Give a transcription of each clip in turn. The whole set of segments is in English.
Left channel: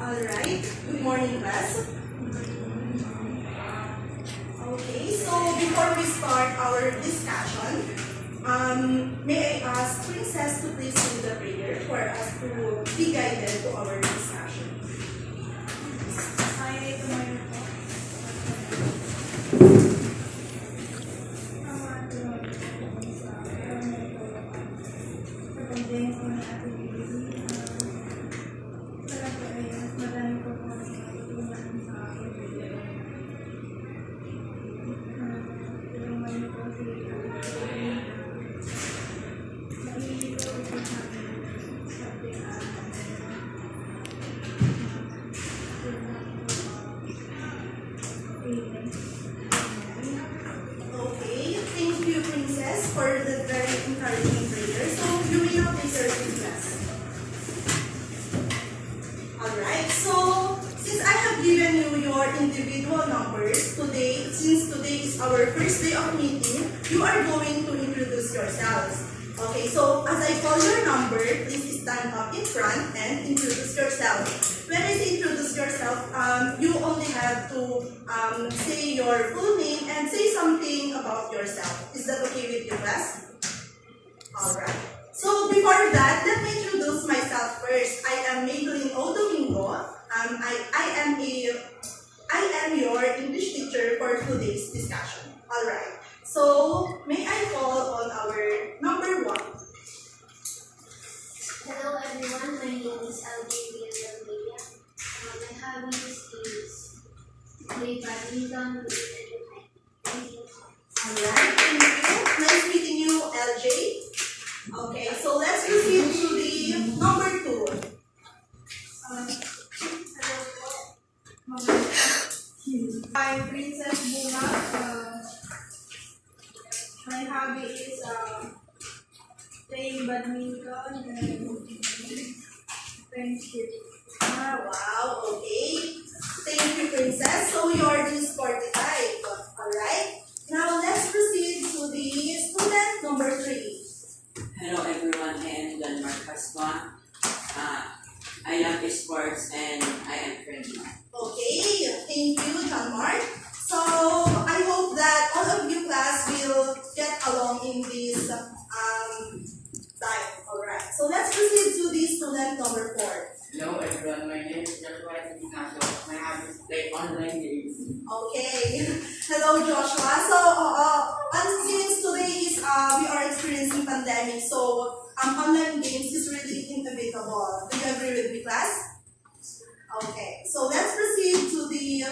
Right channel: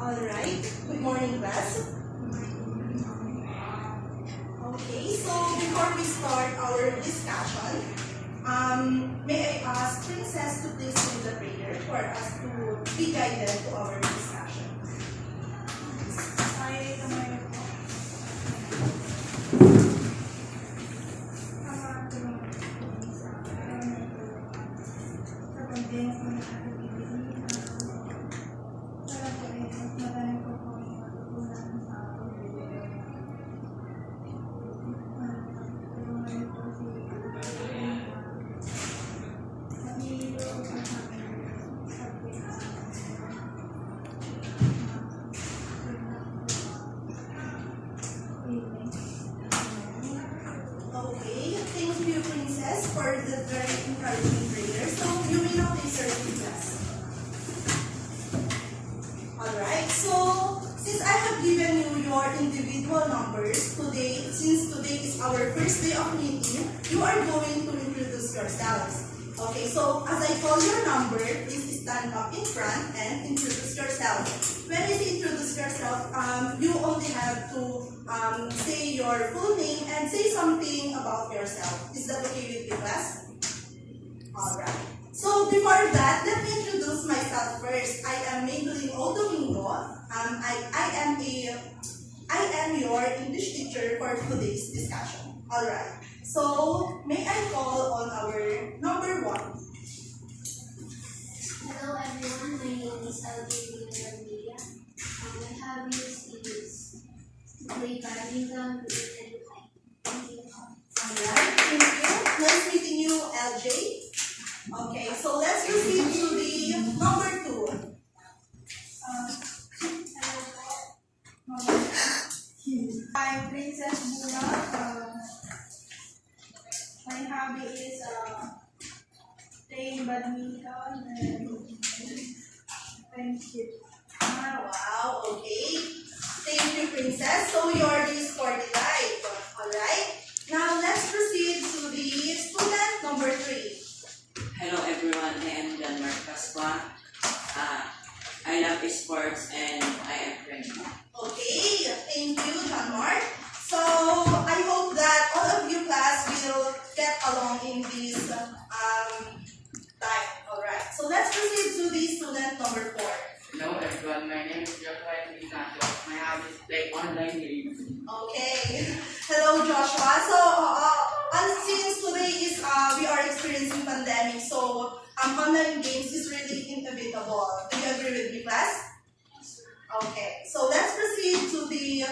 Alright, good morning class. Okay, so before we start our discussion, may I ask Princess to please do the prayer for us to be guided to our discussion. Okay, thank you Princess for the very encouraging prayer. So you will now take your class. Alright, so since I have given you your individual numbers today, since today is our first day of meeting, you are going to introduce yourselves. Okay, so as I call your number, please stand up in front and introduce yourself. When I say introduce yourself, you only have to say your full name and say something about yourself. Is that okay with you, class? Alright. So before that, let me introduce myself first. I am Maybelline O. Domingo. I am your English teacher for today's discussion. Alright. So may I call on our number 1? Hello everyone, my name is Algeria. My hobbies is play badminton, read and hike. Thank you. Alright, thank you. Nice meeting you, LJ. Okay, so let's proceed to the number 2. Hello po. I'm Princess Bunga. My hobby is playing badminton and friendship. Wow, okay. Thank you, Princess. So you are the sporty type. Alright. Now let's proceed to the student number 3. Hello everyone, I am John Marcaswa. I love sports and I am friendly. Okay, thank you, John Mark. So I hope that all of you class will get along in this time. Alright. So let's proceed to the student number 4. Hello everyone, my name is Joshua Ignacio. My hobby is play online games. Okay. Hello, Joshua. So, since today is we are experiencing pandemic, so online games is really inevitable. Do you agree with me, class? Okay. So let's proceed to the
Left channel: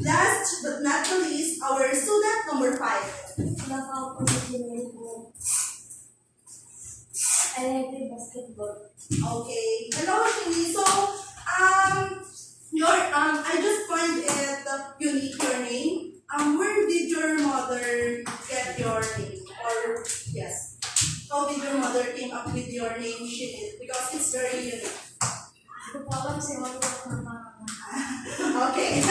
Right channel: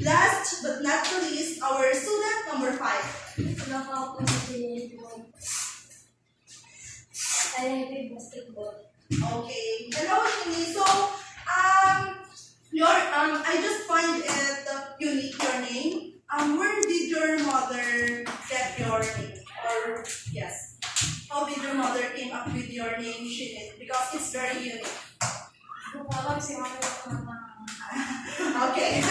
last but not the least, our student number 5. Hello po, I like basketball. Okay. Hello, Shini. So, I just find it unique, your name. Where did your mother get your name? Or, yes, how did your mother came up with your name, Shini? Because it's very unique. Okay.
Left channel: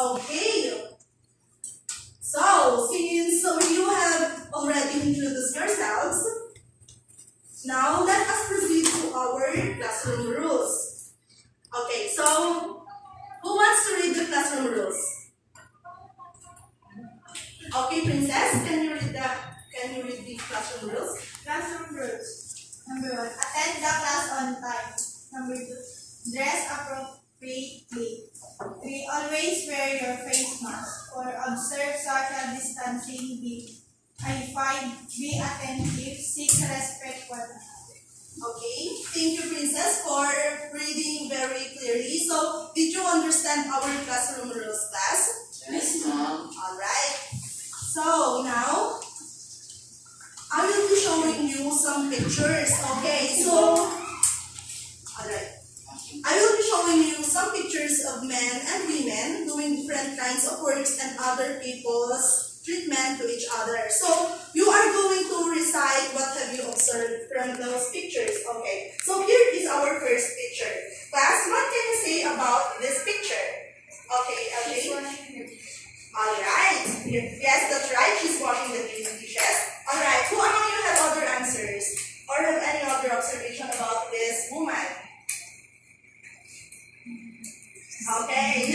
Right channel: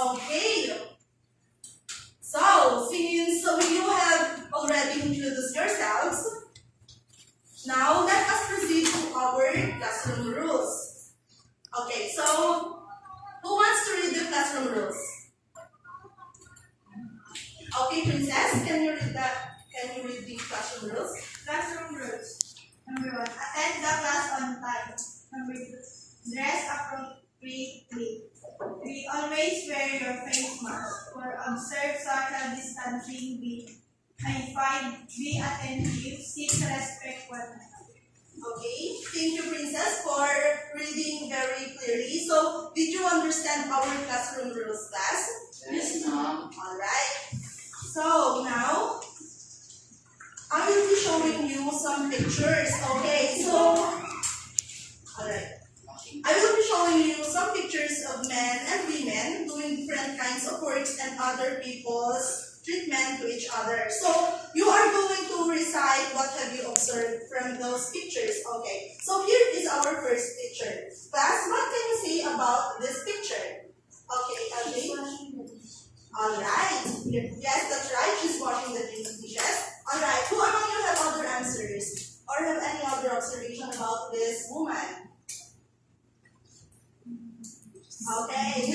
Okay. So, since you have already introduced yourselves, now let us proceed to our classroom rules. Okay, so who wants to read the classroom rules? Okay, Princess, can you read the classroom rules? Classroom rules. Number 1, attend the class on time. Number 2, dress appropriately. 3, always wear your face mask. 4, observe social distancing. 5, be attentive. 6, respect one another. Okay, thank you, Princess, for reading very clearly. So, did you understand our classroom rules, class? Yes, ma'am. Alright. So, now, I will be showing you some pictures. Okay, so, alright. I will be showing you some pictures of men and women doing different kinds of works and other people's treatment to each other. So, you are going to recite what have you observed from those pictures. Okay, so here is our first picture. Class, what can you say about this picture? Okay, LJ. Alright. Yes, that's right. She's washing the dishes. Alright, who among you have other answers? Or have any other observation about this woman? Okay.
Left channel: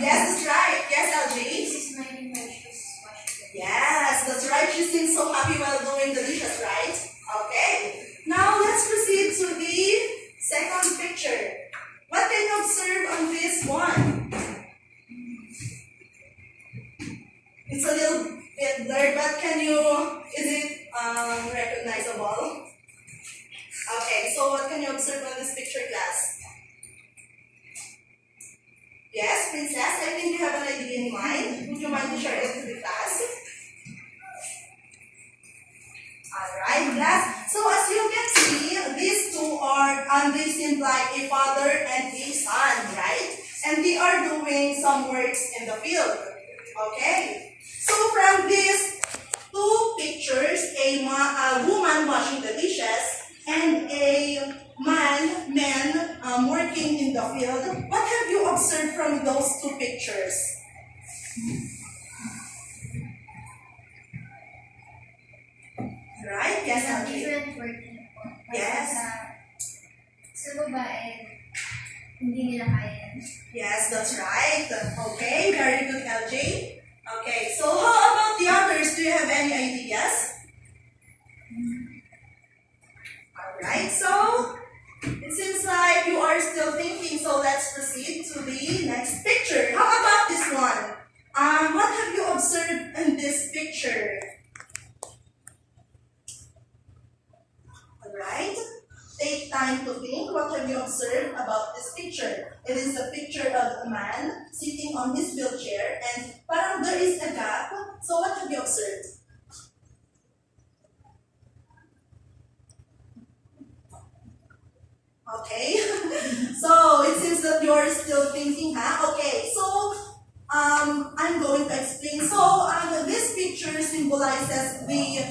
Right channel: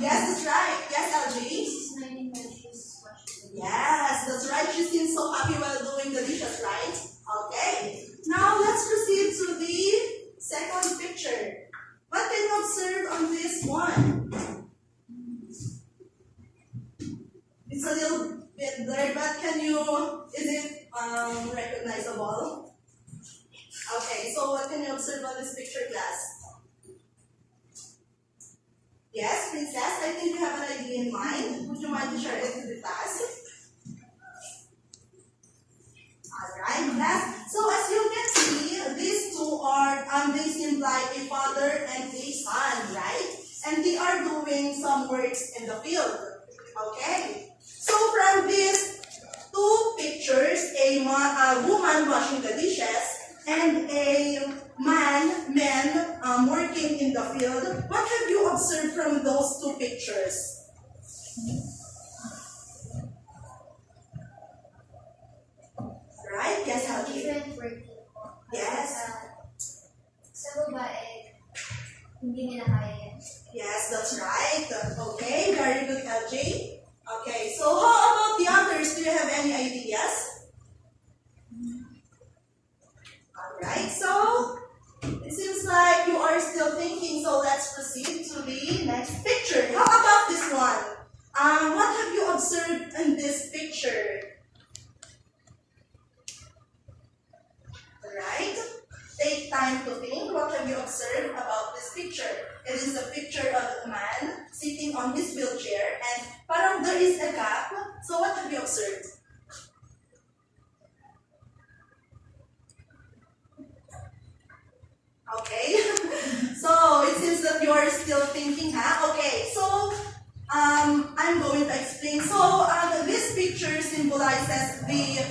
Yes, that's right. Yes, This LJ. is my precious question. Yes, that's right. She seems so happy while doing the dishes, right? Okay. Now let's proceed to the second picture. What can you observe on this one? It's a little bit blurred, but is it recognizable? Okay, so what can you observe on this picture, class? Yes, Princess, I think you have an idea in mind. Would you mind to share it to the class? Alright, class. So as you can see, these two are, they seem like a father and a son, right? And they are doing some works in the field. Okay? So from these two pictures, a woman washing the dishes and a man working in the field, what have you observed from those two pictures? Right? Yes, Some LJ. different working po. Kasi Yes. sa babae, hindi nila kaya yan. Yes, that's right. Okay, very good, LJ. Okay, so how about the others? Do you have any ideas? Alright, so it seems like you are still thinking, so let's proceed to the next picture. How about this one? What have you observed in this picture? Alright, take time to think. What have you observed about this picture? It is a picture of a man sitting on his wheelchair and parang there is a gap. So what have you observed? Okay, so it seems that you are still thinking, huh? Okay, so I'm going to explain. So this picture symbolizes the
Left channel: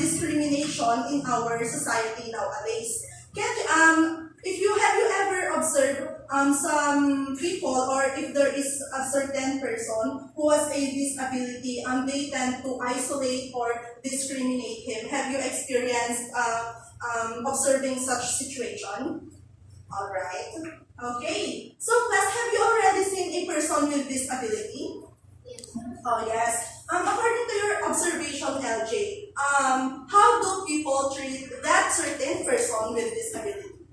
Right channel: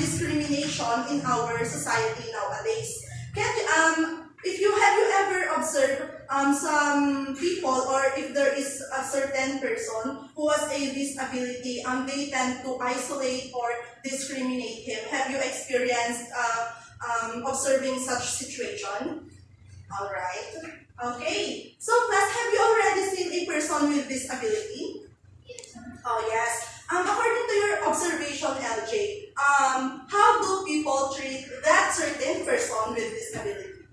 discrimination in our society nowadays. If you ever observed some people, or if there is a certain person who has a disability, they tend to isolate or discriminate him. Have you experienced observing such situation? All right. Okay. So, class, have you already seen a person with disability? Yes. Oh, yes. According to your observation, LJ, how do people treat that certain person with disability?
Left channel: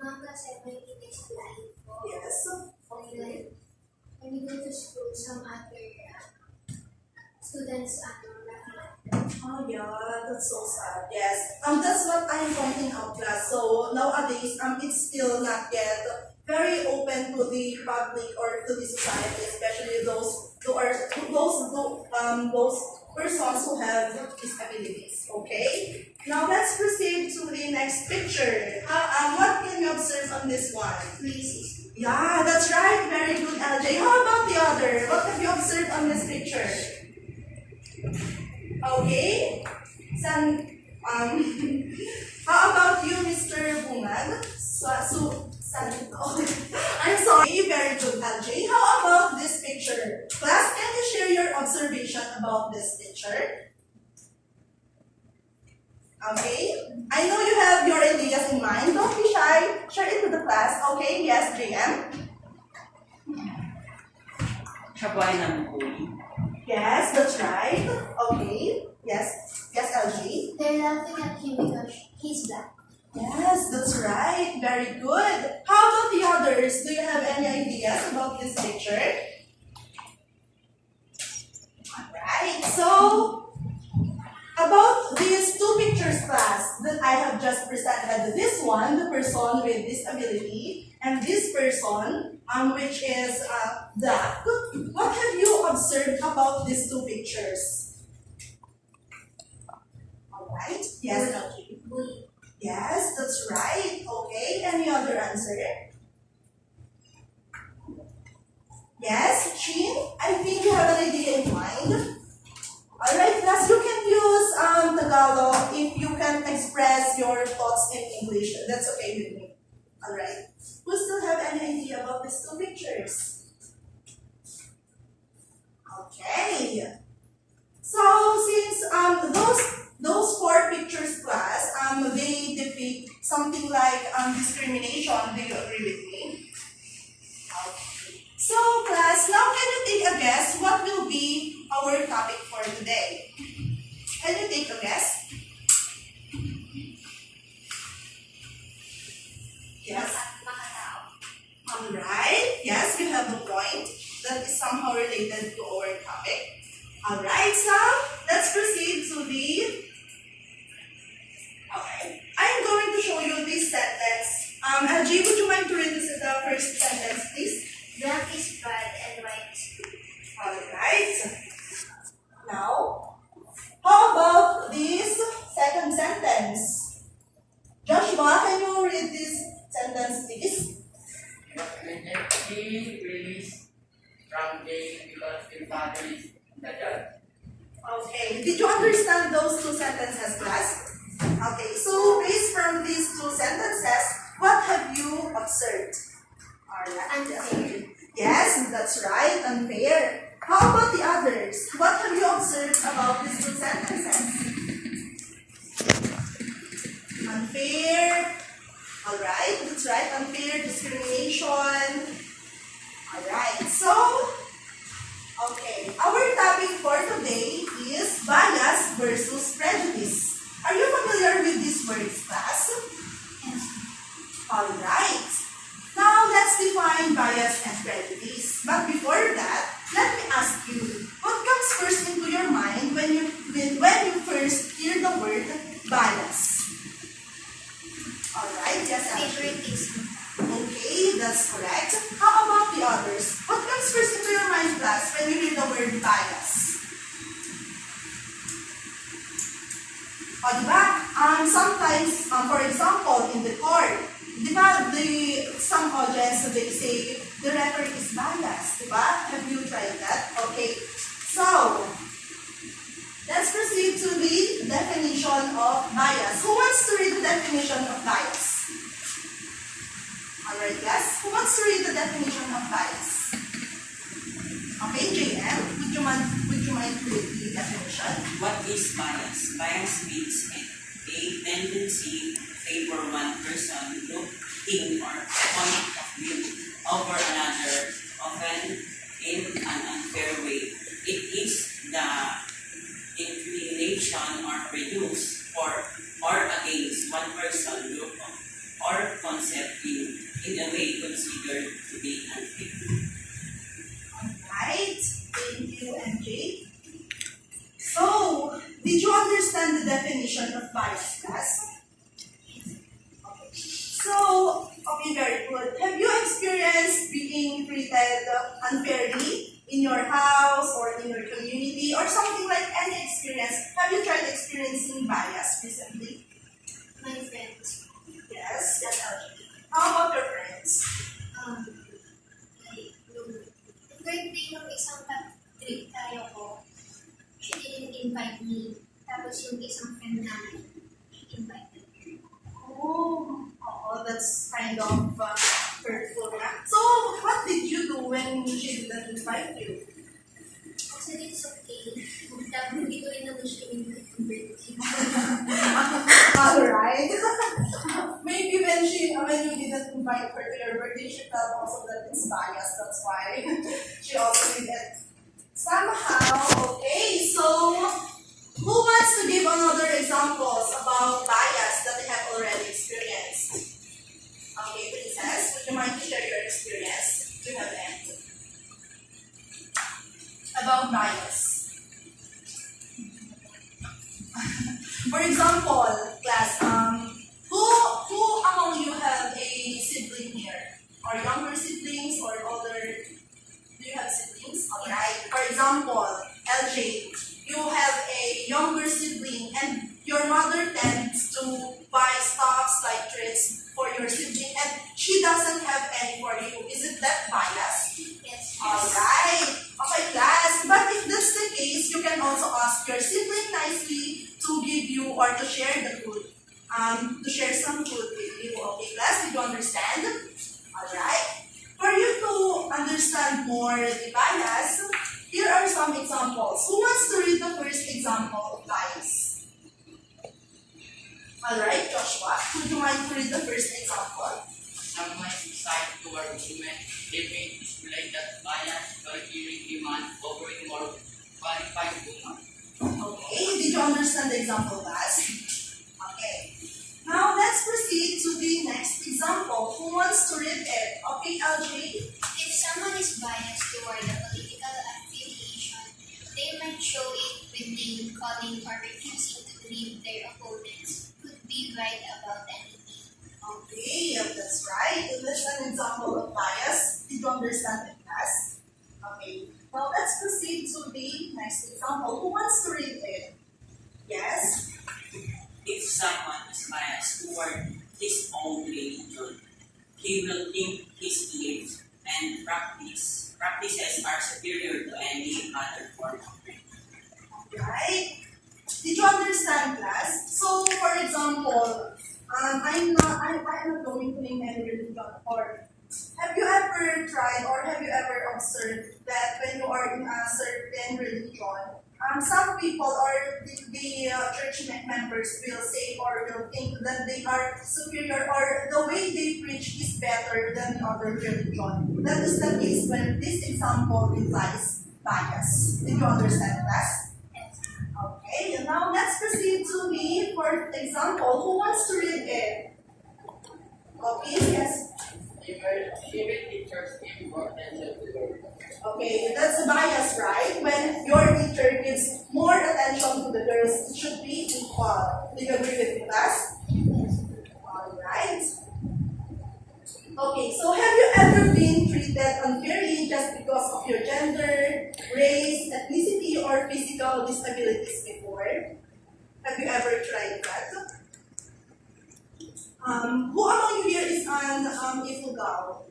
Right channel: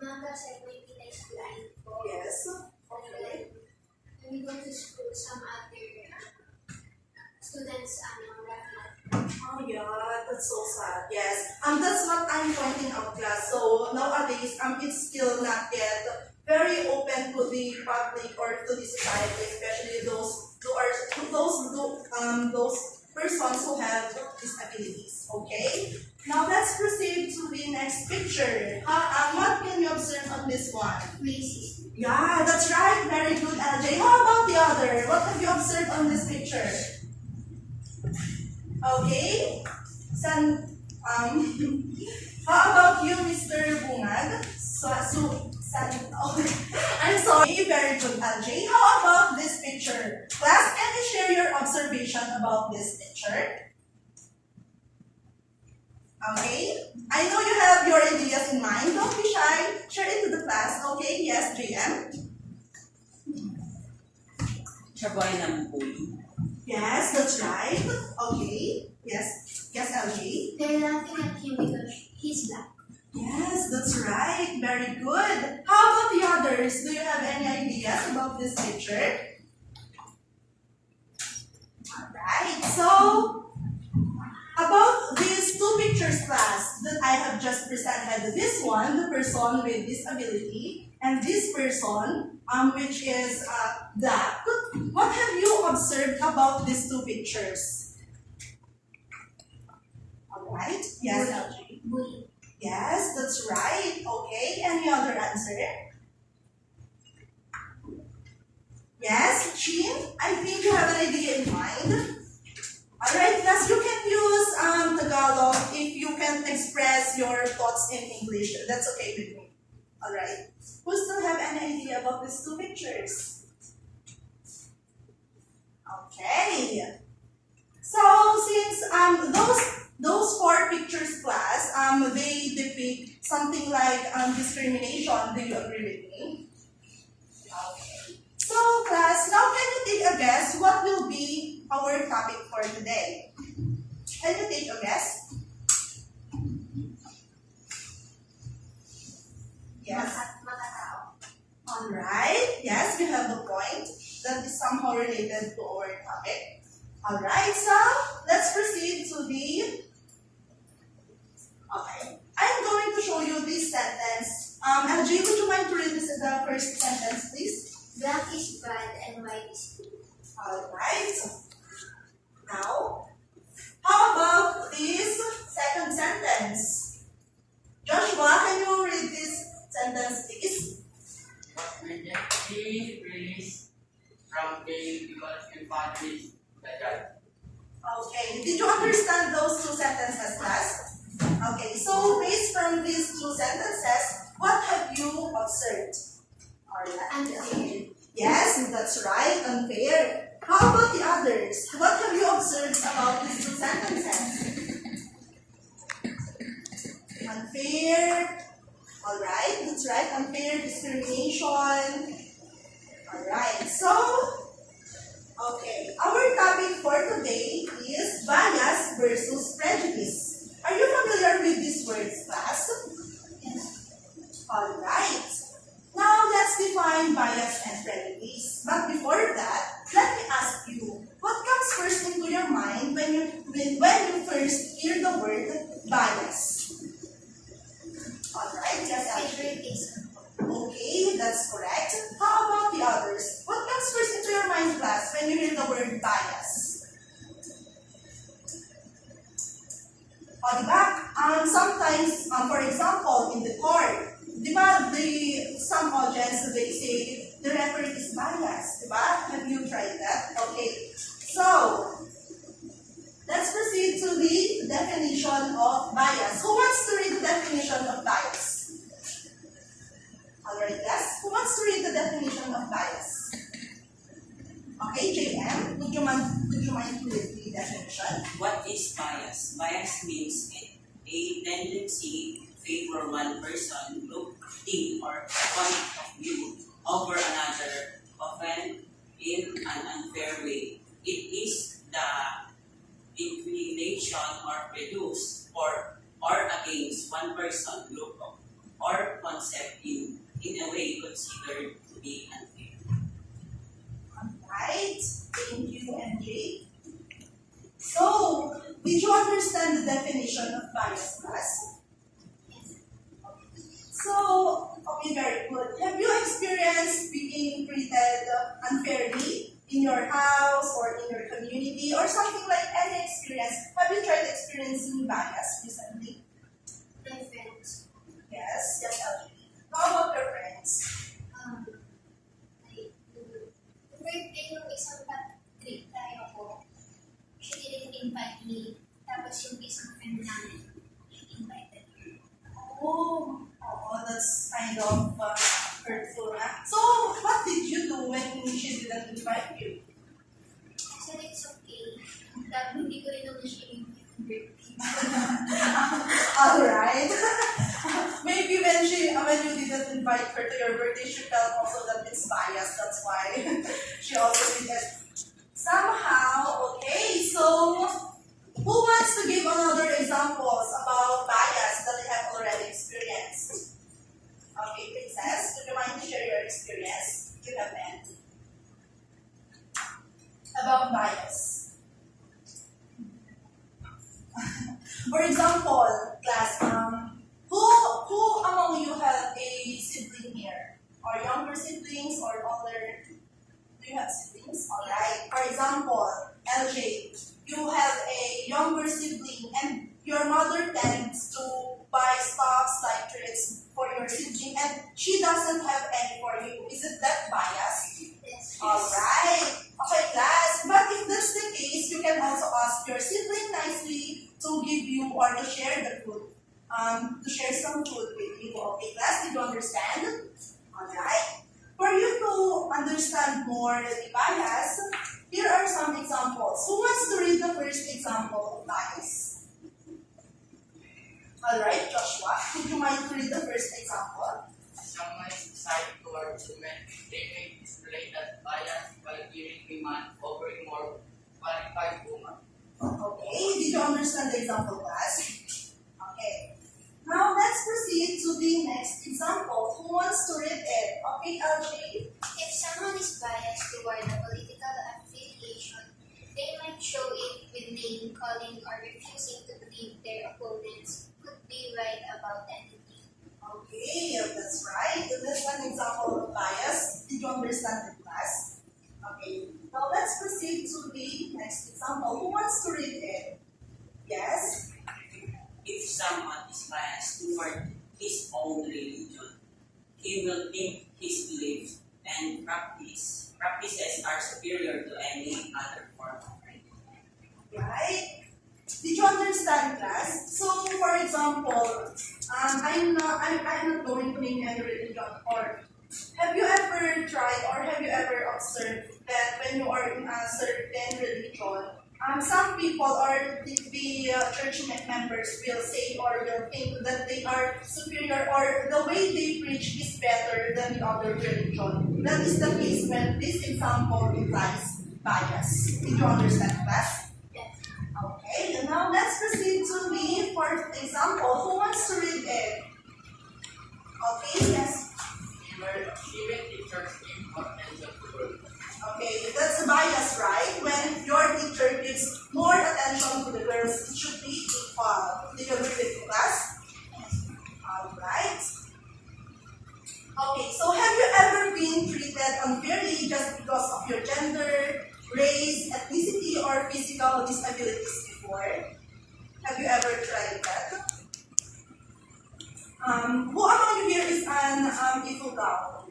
Kasi may in-explain po. Yes. Okay. When we go to school, some other students, Oh yeah, that's so sad. Yes. That's what I'm pointing out, class. So nowadays, it's still not yet very open to the public or to the society, especially those persons who have disabilities. Okay. Now let's proceed to the next picture. What can you observe on this one? Racist. Yeah, that's right. Very good, LJ. How about the other? What have you observed on this picture? Okay. How about you, Mr. Bungad? I'm sorry, very good, LJ. How about this picture? Class, can you share your observation about this picture? Okay. I know you have your ideas in mind. Don't be shy. Share it to the class. Okay, yes, JM. Siya po ay namumuli. Yes, that's right. Okay. Yes. Yes, LG. They're laughing at him because he's black. Yes, that's right. Very good. How about the others? Do you have any ideas about this picture? Alright, so about these two pictures, class, that I have just presented. This one, the person with disability, and this person, which is black. What have you observed about these two pictures? Alright, yes, LG. Bully. Yes, that's right. Okay, any other answer? Yes, Chin? I think you have an idea in mind. Alright, class, you can use Tagalog if you can express your thoughts in English. That's okay with me. Alright. Who still have any idea about these two pictures? Okay. So since those four pictures, class, they depict something like discrimination. Do you agree with me? Alright, yes, you have a point that is somehow related to our topic. Alright, so let's proceed to the. Okay, I'm going to show you this sentence. LG, would you mind to read this, the first sentence, please? Black is bad and white is good. Alright. Now, how about this second sentence? Joshua, can you read this sentence, please? He released from jail because the father is the judge. Okay, did you understand those two sentences, class? Okay, so based from these two sentences, what have you observed? Alright. Unfair. Yes, that's right, unfair. How about the others? What have you observed about these two sentences? Unfair. Alright, that's right, unfair, discrimination. Alright, so, okay, our topic for today is bias versus prejudice. Are you familiar with these words, class? Yes. Alright. Now, let's define bias and prejudice. But before that, let me ask you, what comes first into your mind when you first hear the word bias? Alright, yes, Ashley. Favoritism. Okay, that's correct. How about the others? What comes first into your mind, class, when you hear the word bias? O, diba? Sometimes, for example, in the court, diba, some audience, they say, the referee is biased, diba? Have you tried that? Okay. So, let's proceed to the definition of bias. Who wants to read the definition of bias? Alright, yes. Who wants to read the definition of bias? Okay, JM, would you mind to read the definition? What is bias? Bias means a tendency to favor one person, group, thing, or point of view over another, often in an unfair way. It is the inclination or prejudice for or against one person, group, or concept in a way considered to be unfair. Alright, thank you, MJ. So, did you understand the definition of bias, class? Okay. So, okay, very good. Have you experienced being treated unfairly in your house or in your community or something like any experience? Have you tried experiencing bias recently? My friends. Yes, yes, LG. How about your friends? Like, yung birthday ng isang trip tayo ko, she didn't invite me. Tapos yung isang friend namin, she invited me. Oh, that's kind of hurtful. So, what did you do when she didn't invite you? I said it's okay. Tapos hindi ko rin naman siya invite ng birthday. Alright. Maybe when you didn't invite her to your birthday, she felt also that it's biased. That's why she also did it. Somehow, okay. So, who wants to give another examples about bias that they have already experienced? Okay, Princess, would you mind to share your experience? Do you have any? About bias. For example, class, who among you have a sibling here? Or younger siblings or older? Do you have siblings? Alright. For example, LJ, you have a younger sibling and your mother tends to buy stuffs like treats for your sibling and she doesn't have any for you. Is it that bias? Yes. Alright. Okay, class. But if that's the case, you can also ask your sibling nicely to give you or to share the food. To share some food with you. Okay, class? Did you understand? Alright. For you to understand more the bias, here are some examples. Who wants to read the first example of bias? Alright, Joshua, would you mind to read the first example? Someone decide toward women, they may display that bias by giving demand over a more qualified woman. Okay, did you understand the example, class? Okay. Now let's proceed to the next example. example. Who wants to read it? Okay, LJ? If someone is biased toward a political affiliation, they might show it with name calling or refusing to believe their opponents could be right about anything. Okay, that's right. That's an example of bias. Did you understand the class? Okay, now let's proceed to the next example. Who wants to read it? Yes? If someone is biased toward his own religion, he will think his beliefs and practices are superior to any other form of religion. Right? Did you understand, class? So, for example, I'm not going to name any religion. Or have you ever tried or have you ever observed that when you are in a certain religion, some people or the church members will say or will think that they are superior or the way they preach is better than the other religion. That is the case when this example implies bias. Did you understand, class? Yes. Okay, and now let's proceed to the fourth example. Who wants to read it? Okay, yes. Even teachers give more attention to girls. Okay, that's a bias, right? When your teacher gives more attention to the girls, it should be equal. Do you agree with me, class? Alright. Okay, so have you ever been treated unfairly just because of your gender, race, ethnicity, or physical disabilities before? Have you ever tried that? Who among you here is an Ifugao?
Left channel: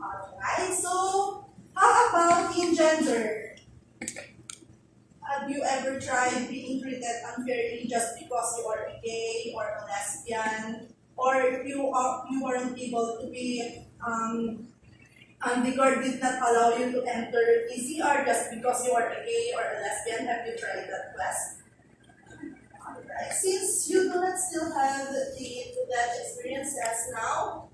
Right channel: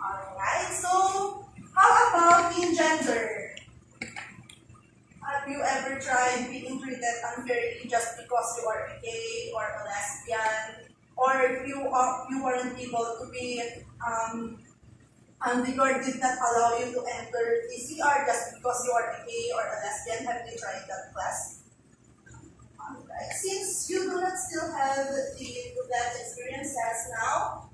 Alright, so how about in gender? Have you ever tried being treated unfairly just because you are a gay or a lesbian? Or if you weren't able to be and the guard did not allow you to enter PCR just because you are a gay or a lesbian? Have you tried that, class? Alright, since you do not still have that experiences now,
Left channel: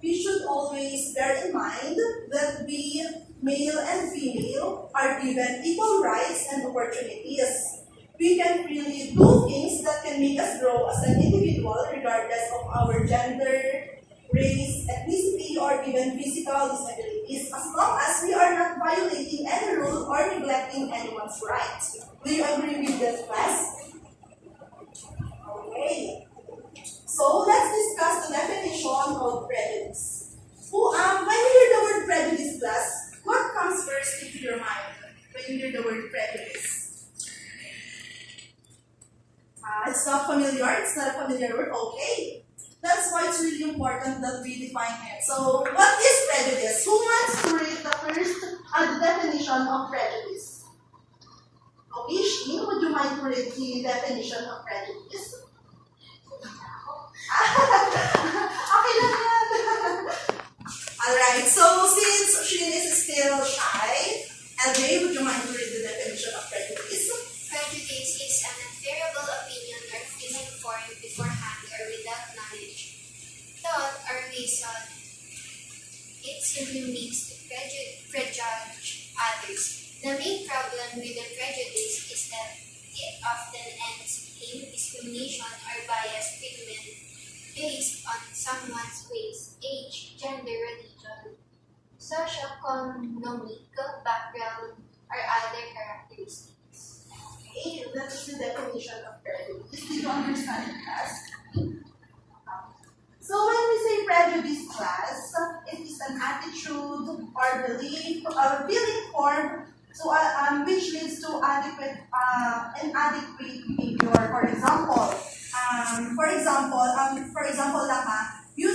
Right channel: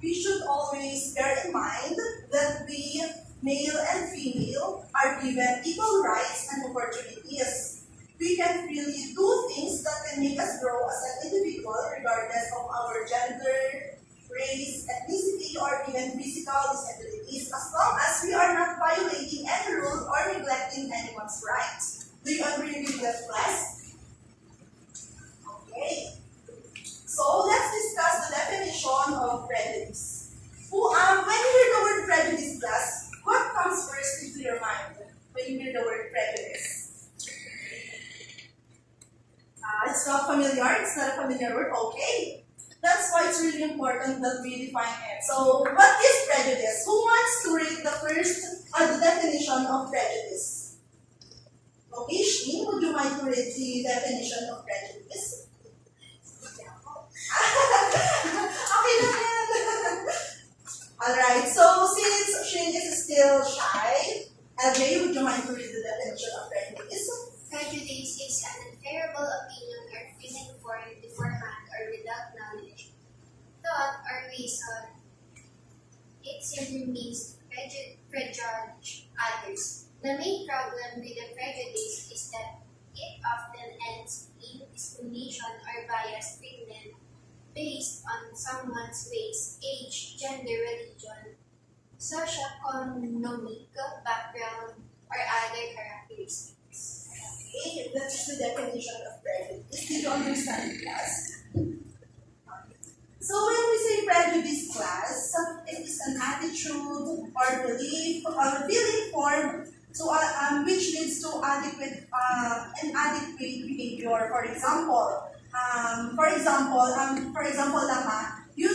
we should always bear in mind that we, male and female, are given equal rights and opportunities. We can freely do things that can make us grow as an individual regardless of our gender, race, ethnicity, or even physical disabilities, as long as we are not violating any rule or neglecting anyone's rights. Do you agree with that, class? Okay. So let's discuss the definition of prejudice. When you hear the word prejudice, class, what comes first into your mind when you hear the word prejudice? It's not familiar. It's not a familiar word. Okay. That's why it's really important that we define it. So, what is prejudice? Who wants to read the first the definition of prejudice? Okay, Sheen, would you mind to read the definition of prejudice? Okay lang yan. Alright, so since Sheen is still shy, LJ, would you mind to read the definition of prejudice? Prejudice is an unfavorable opinion or feeling formed beforehand or without knowledge, thought, or reason. It simply means to prejudge others. The main problem with the prejudice is that it often ends in discrimination or biased treatment based on someone's race, age, gender, religion, socioeconomic background, or other characteristics. Okay, that's the definition of prejudice. Did you understand it, class? So when we say prejudice, class, it is an attitude or belief or feeling formed which leads to inadequate behavior. For example lang you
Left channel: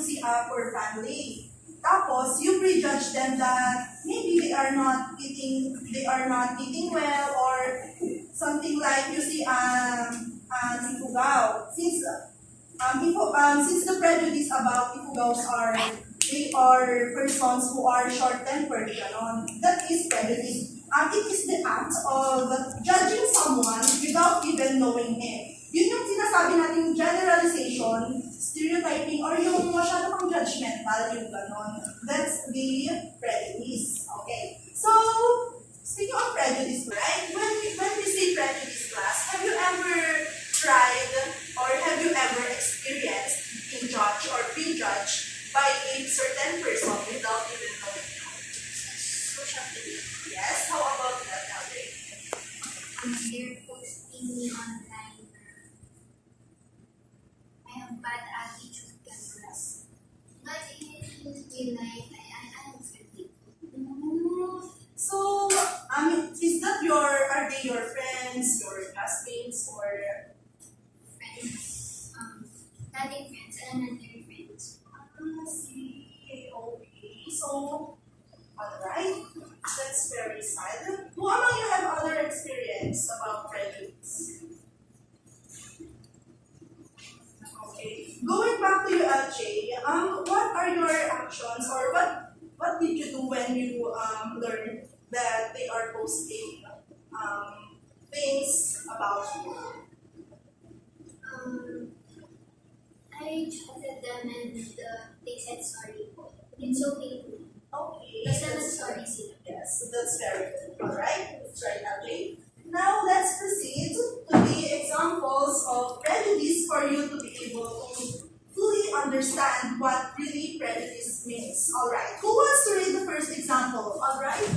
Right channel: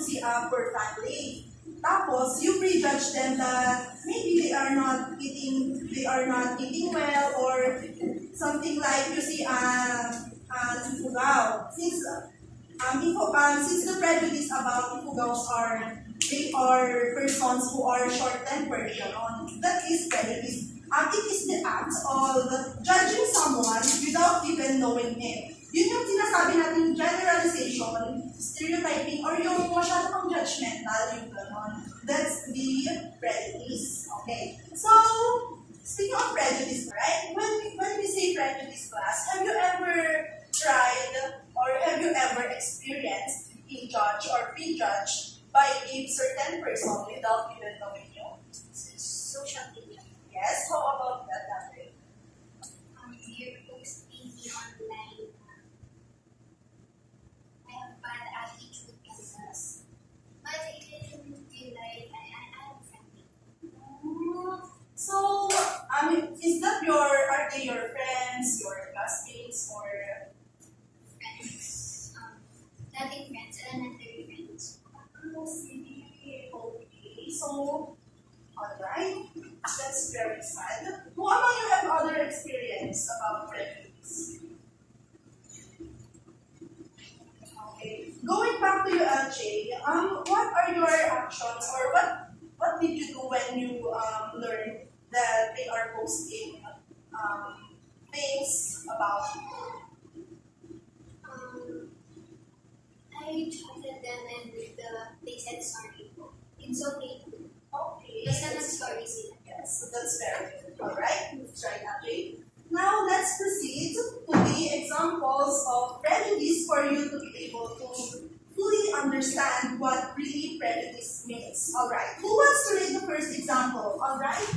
see a poor family. Tapos, you prejudge them that maybe they are not eating well, or something like you see Ifugao. Since the prejudice about Ifugaos they are persons who are short-tempered, that is prejudice. It is the act of judging someone without even knowing him. Yun yung sinasabi natin generalization, stereotyping, or yung masyado kang judgmental, yung ganon. That's the prejudice. Okay? So, speaking of prejudice, right? When we say prejudice, class, have you ever tried feel like I am friendly. So, is that are they your friends, your classmates, or Friends, nothing friends, elementary friends. see, okay. So, alright, that's very sad. Who among you have other experience about prejudice? Okay. Going back to you, Jay, what are your actions or what did you do when you learned that they are posting things about you? I chatted them and they said sorry. It's okay to. Okay. Basta nag-sorry sila. Yes, so that's very good. Alright, that's right, Jay. Now let's proceed to the examples of prejudice for you to be able to fully understand what really prejudice means. Alright, who wants to read the first example? Alright?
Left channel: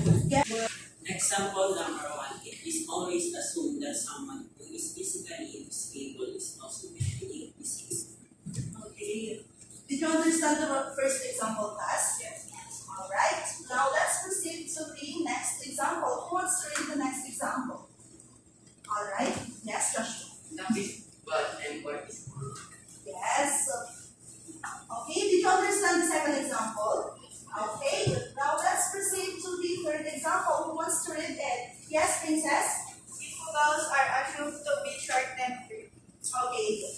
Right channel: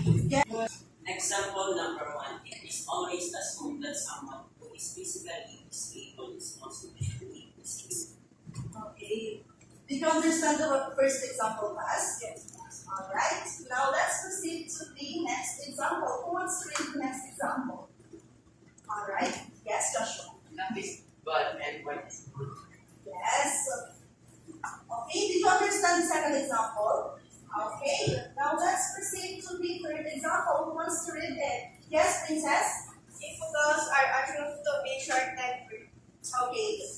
Example number 1. It is always assumed that someone who is physically disabled is also mentally disabled. Okay. Did you understand the first example, class? Yes. Alright, now let's proceed to the next example. Who wants to read the next example? Alright, yes, Joshua. Love is bad and white is good. Yes. Okay, did you understand the second example? Okay, now let's proceed to the third example. Who wants to read it? Yes, Princess? Infidels are assumed to be short-tempered. Okay.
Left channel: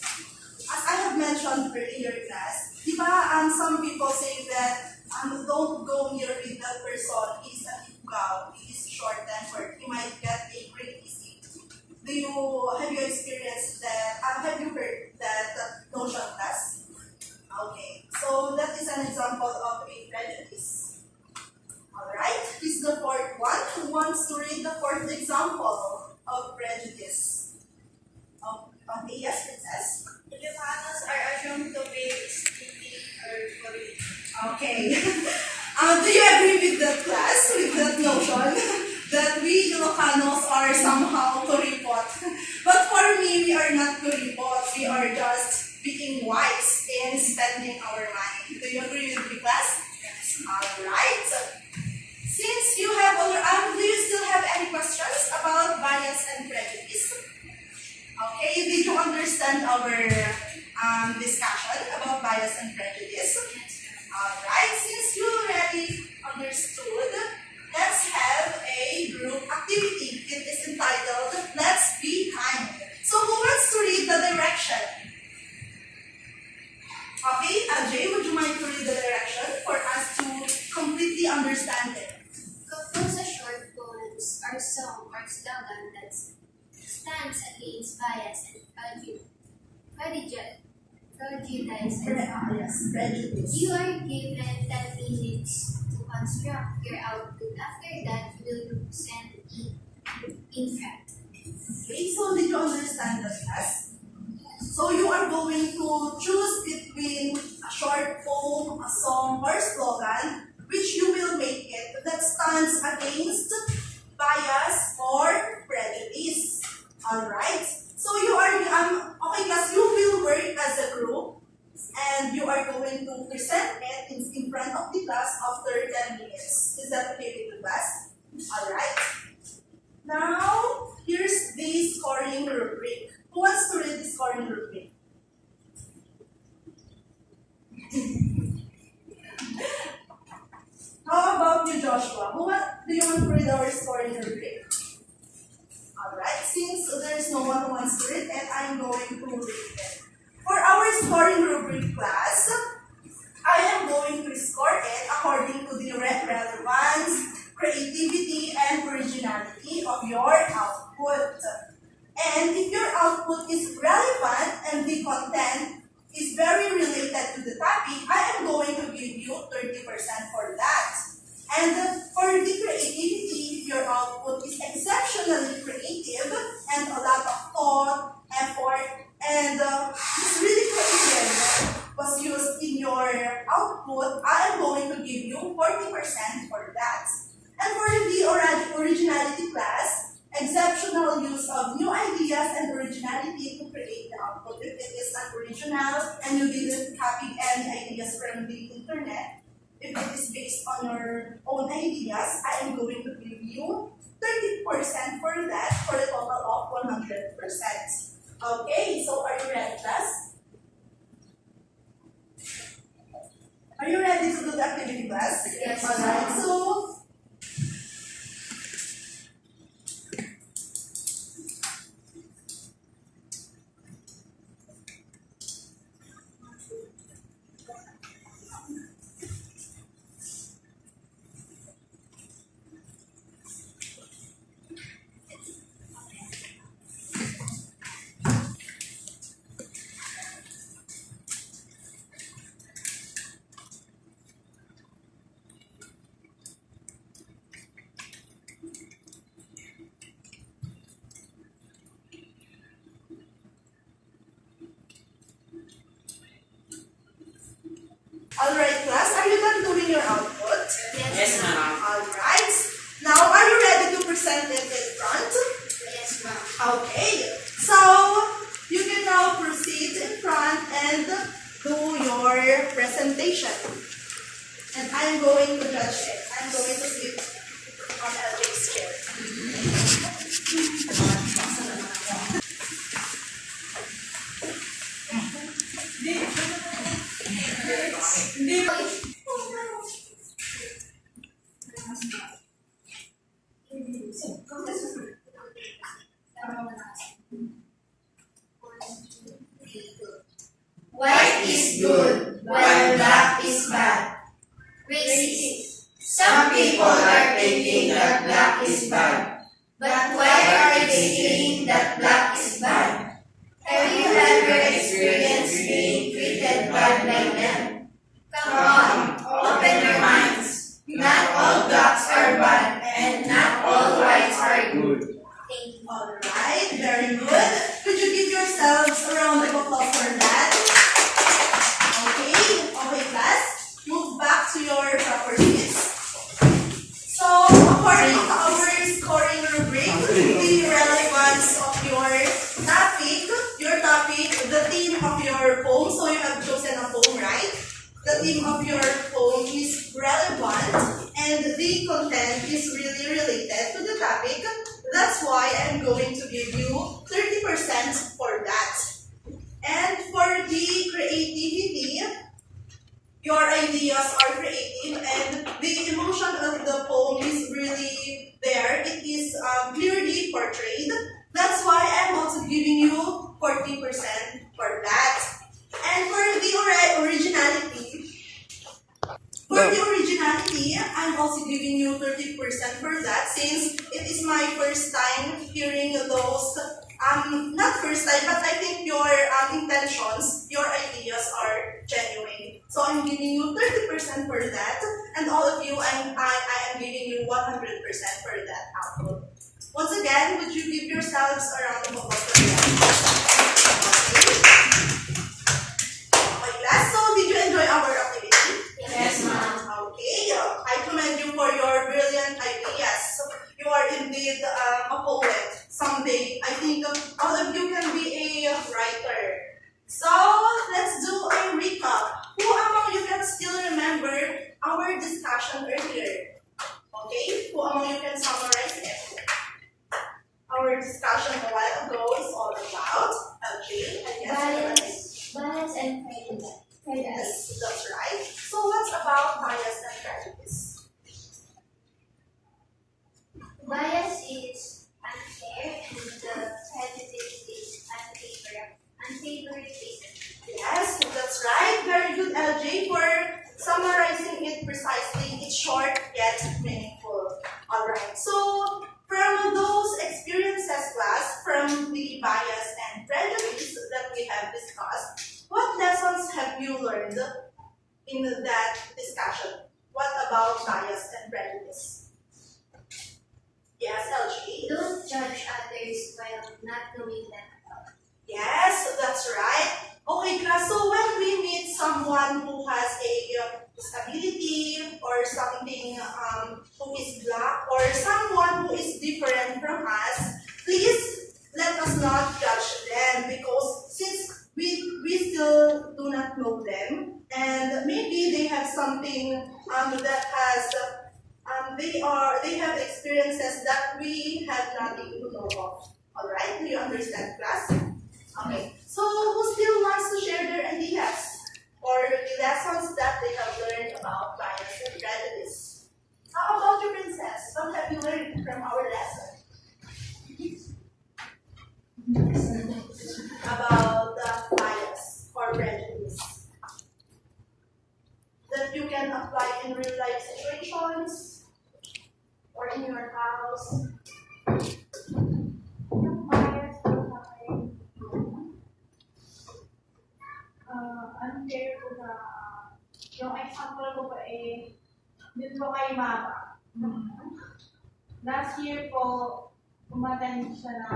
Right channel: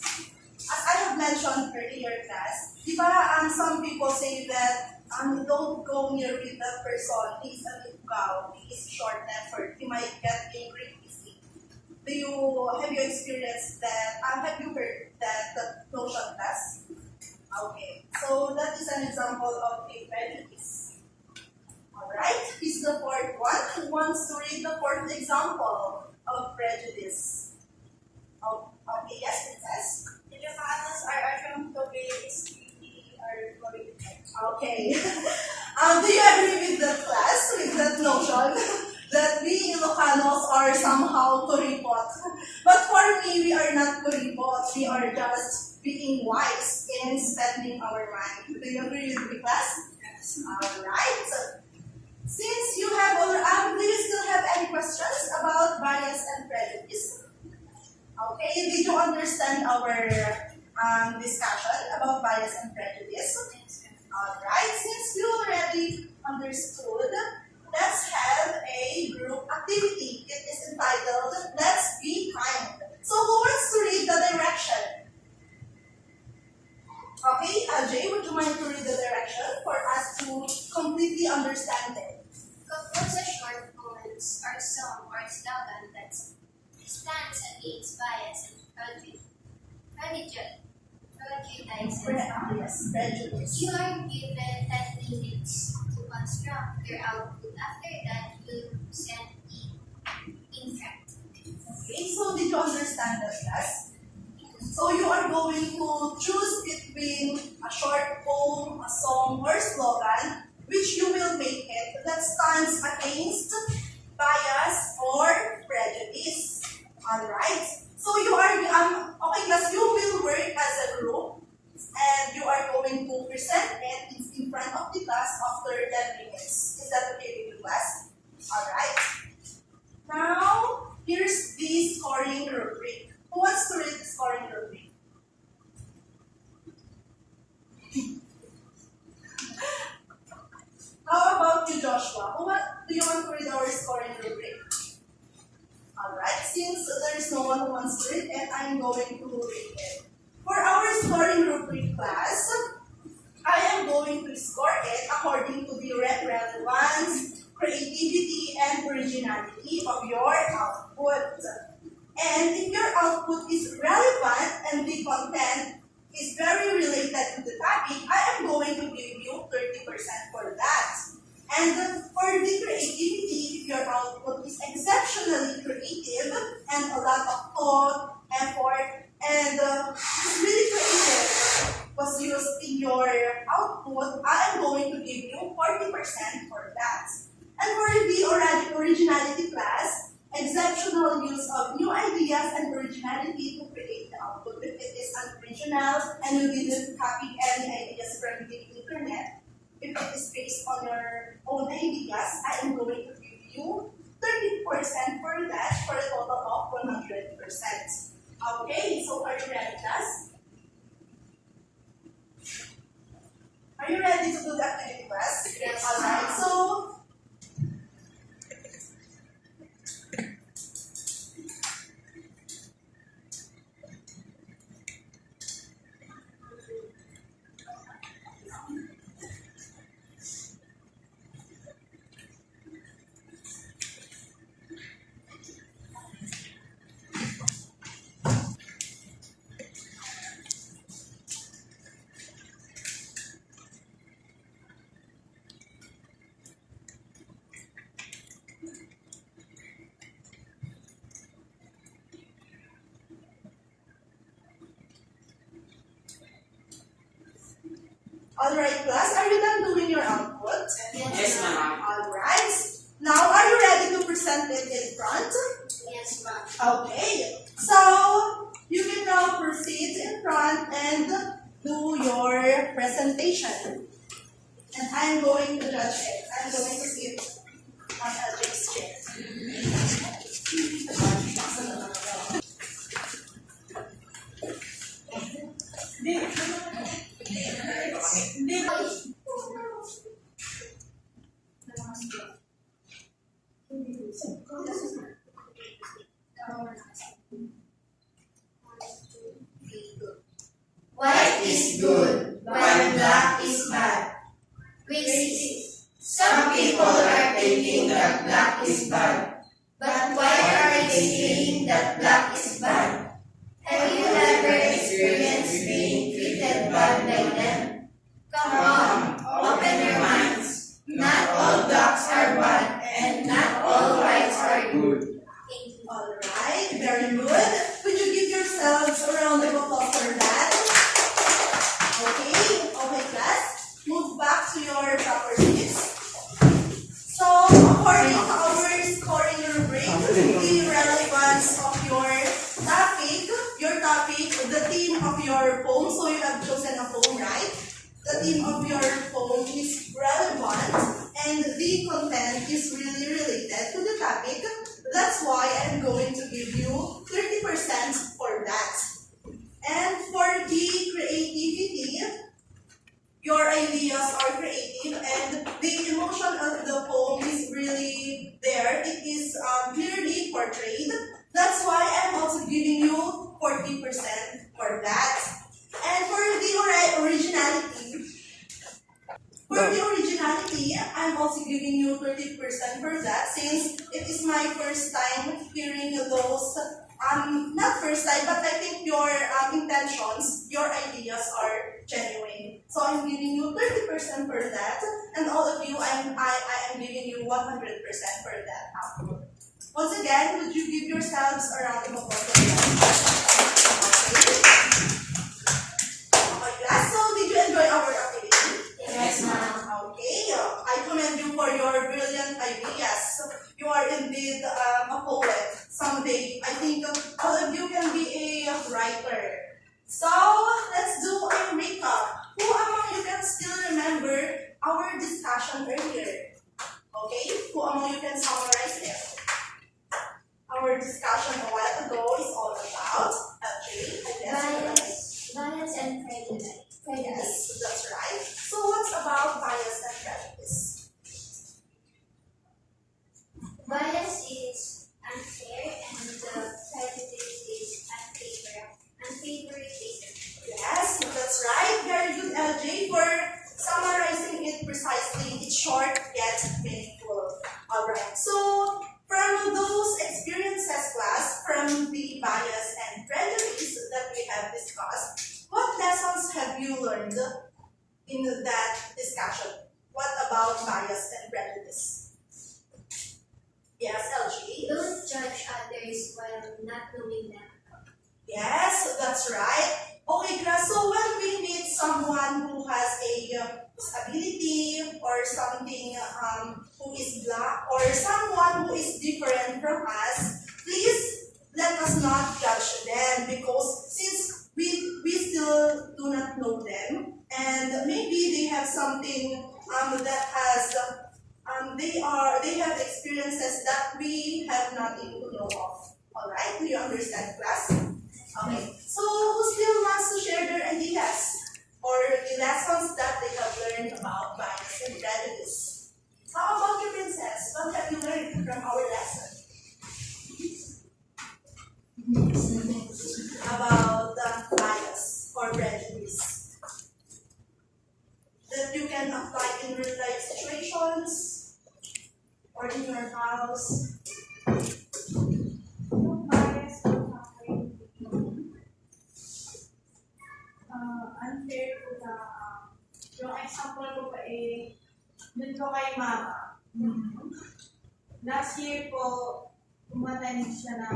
As I have mentioned earlier, class, di ba, some people say that don't go near with that person. He's an ifgaw. He is short-tempered. He might get angry easily. Have you experienced that? Have you heard that notion, class? Okay. So that is an example of a prejudice. Alright? Is the fourth one. Who wants to read the fourth example of prejudice? Okay, yes, Princess. Ilocanos are assumed to be stingy or corrupt. Okay. Do you agree with that, class, with that notion that we Ilocanos are somehow kuripot? But for me, we are not kuripot. We are just being wise in spending our money. Do you agree with me, class? Yes. Alright. Since you have do you still have any questions about bias and prejudice? Okay, did you understand our discussion about bias and prejudice? Alright, since you already understood, let's have a group activity. It is entitled, Let's Be Kind. So who wants to read the direction? Okay, Jay, would you mind to read the direction for us to completely understand it? Compose a short poems or song or slogan that stands against bias and prejudice. Yes, prejudice. You are given 10 minutes to construct your output. After that, you will send it in front. Okay, so did you understand that, class? So you are going to choose between a short poem, a song, or slogan, which you will make it that stands against bias or prejudice. Alright? So you are, okay class, you will work as a group and you are going to present it in front of the class after 10 minutes. Is that okay with the class? Alright? Now, here's the scoring rubric. Who wants to read the scoring rubric? How about you, Joshua? Do you want to read our scoring rubric? Alright, since there is no one who wants to read it, I'm going to read it. For our scoring rubric class, I am going to score it according to the relevance, creativity, and originality of your output. And if your output is relevant and the content is very related to the topic, I am going to give you 30% for that. And for the creativity, if your output is exceptionally creative and a lot of thought, effort, and it's really creative was used in your output, I am going to give you 40% for that. And for the originality class, exceptional use of new ideas and originality to create the output. If it is unoriginal and you didn't copy any ideas from the internet, if it is based on your own ideas, I am going to give you 30% for that for a total of 100%. Okay, so are you ready, class? Are you ready to do the activity, class? Yes, Alright, so alright, class, are you done doing your output? Yes, ma'am. Alright. Now, are you ready to present it in front? Yes, ma'am. Okay. So, you can now proceed in front and do your presentation. And I'm going to judge it. I'm going to sit on LJ's chair. White is good, while black is bad. Racist. Some people are thinking that black is bad. But why are they saying that black is bad? Have you ever experienced being treated bad by them? Come on, open your minds. Not all blacks are bad, and not all whites are good. Thank you. Alright, very good. Could you give yourselves a round of applause for that? Okay, class. Move back to your proper seats. So, according to our scoring rubric, the relevance of your topic, the theme of your poem, so you have chosen a poem, right? The theme of your poem is relevant, and the content is really related to the topic. That's why I'm going to give you 30% for that. And for the creativity, your ideas are creative and the emotion of the poem is really there. It is clearly portrayed. That's why I'm also giving you 40% for that. And for the originality, I'm also giving you 30% for that, since it is my first time hearing those, not first time, but I think your intentions, your ideas are genuine. So I'm giving you 30% for that, and all of you, I am giving you 100% for that output. Once again, would you give yourselves a round of applause for that? Okay, class, so did you enjoy our activity? Yes, ma'am. Okay, I commend you for your brilliant ideas. You are indeed a poet. Someday, I think all of you can be a writer. So, let's do a recap. Who among you can still remember our discussion earlier? Okay, who among you can summarize it? Our discussion a while ago is all about LJ, I guess. Bias and prejudice. Yes, that's right. So what's about bias and prejudice? Bias is unfair and the prejudice is unfavoritism. Yes, that's right. Very good, LJ, for summarizing it precisely. It's short yet meaningful. Alright, so from those experiences, class, from the bias and prejudice that we have discussed, what lessons have you learned in that discussion? What about bias and prejudice? Yes, LG. Don't judge others while not knowing them at all. Yes, that's right. Okay, class, so when we meet someone who has a disability or something, who is black or someone who is different from us, please let us not judge them, because since we still do not know them, and maybe they have something that has they have experiences that we have nothing to know of. All right, do you understand, class? Okay. So who still wants to share their ideas or the lessons that they have learned about bias and prejudice? How about you, Princess? What have you learned from our lesson about bias or prejudice that you can apply in real life situations or in your house? Yung bias ko sa akin, unfair ko na, yung example ko pa dun ko kay mama. Last year po, umattend siya na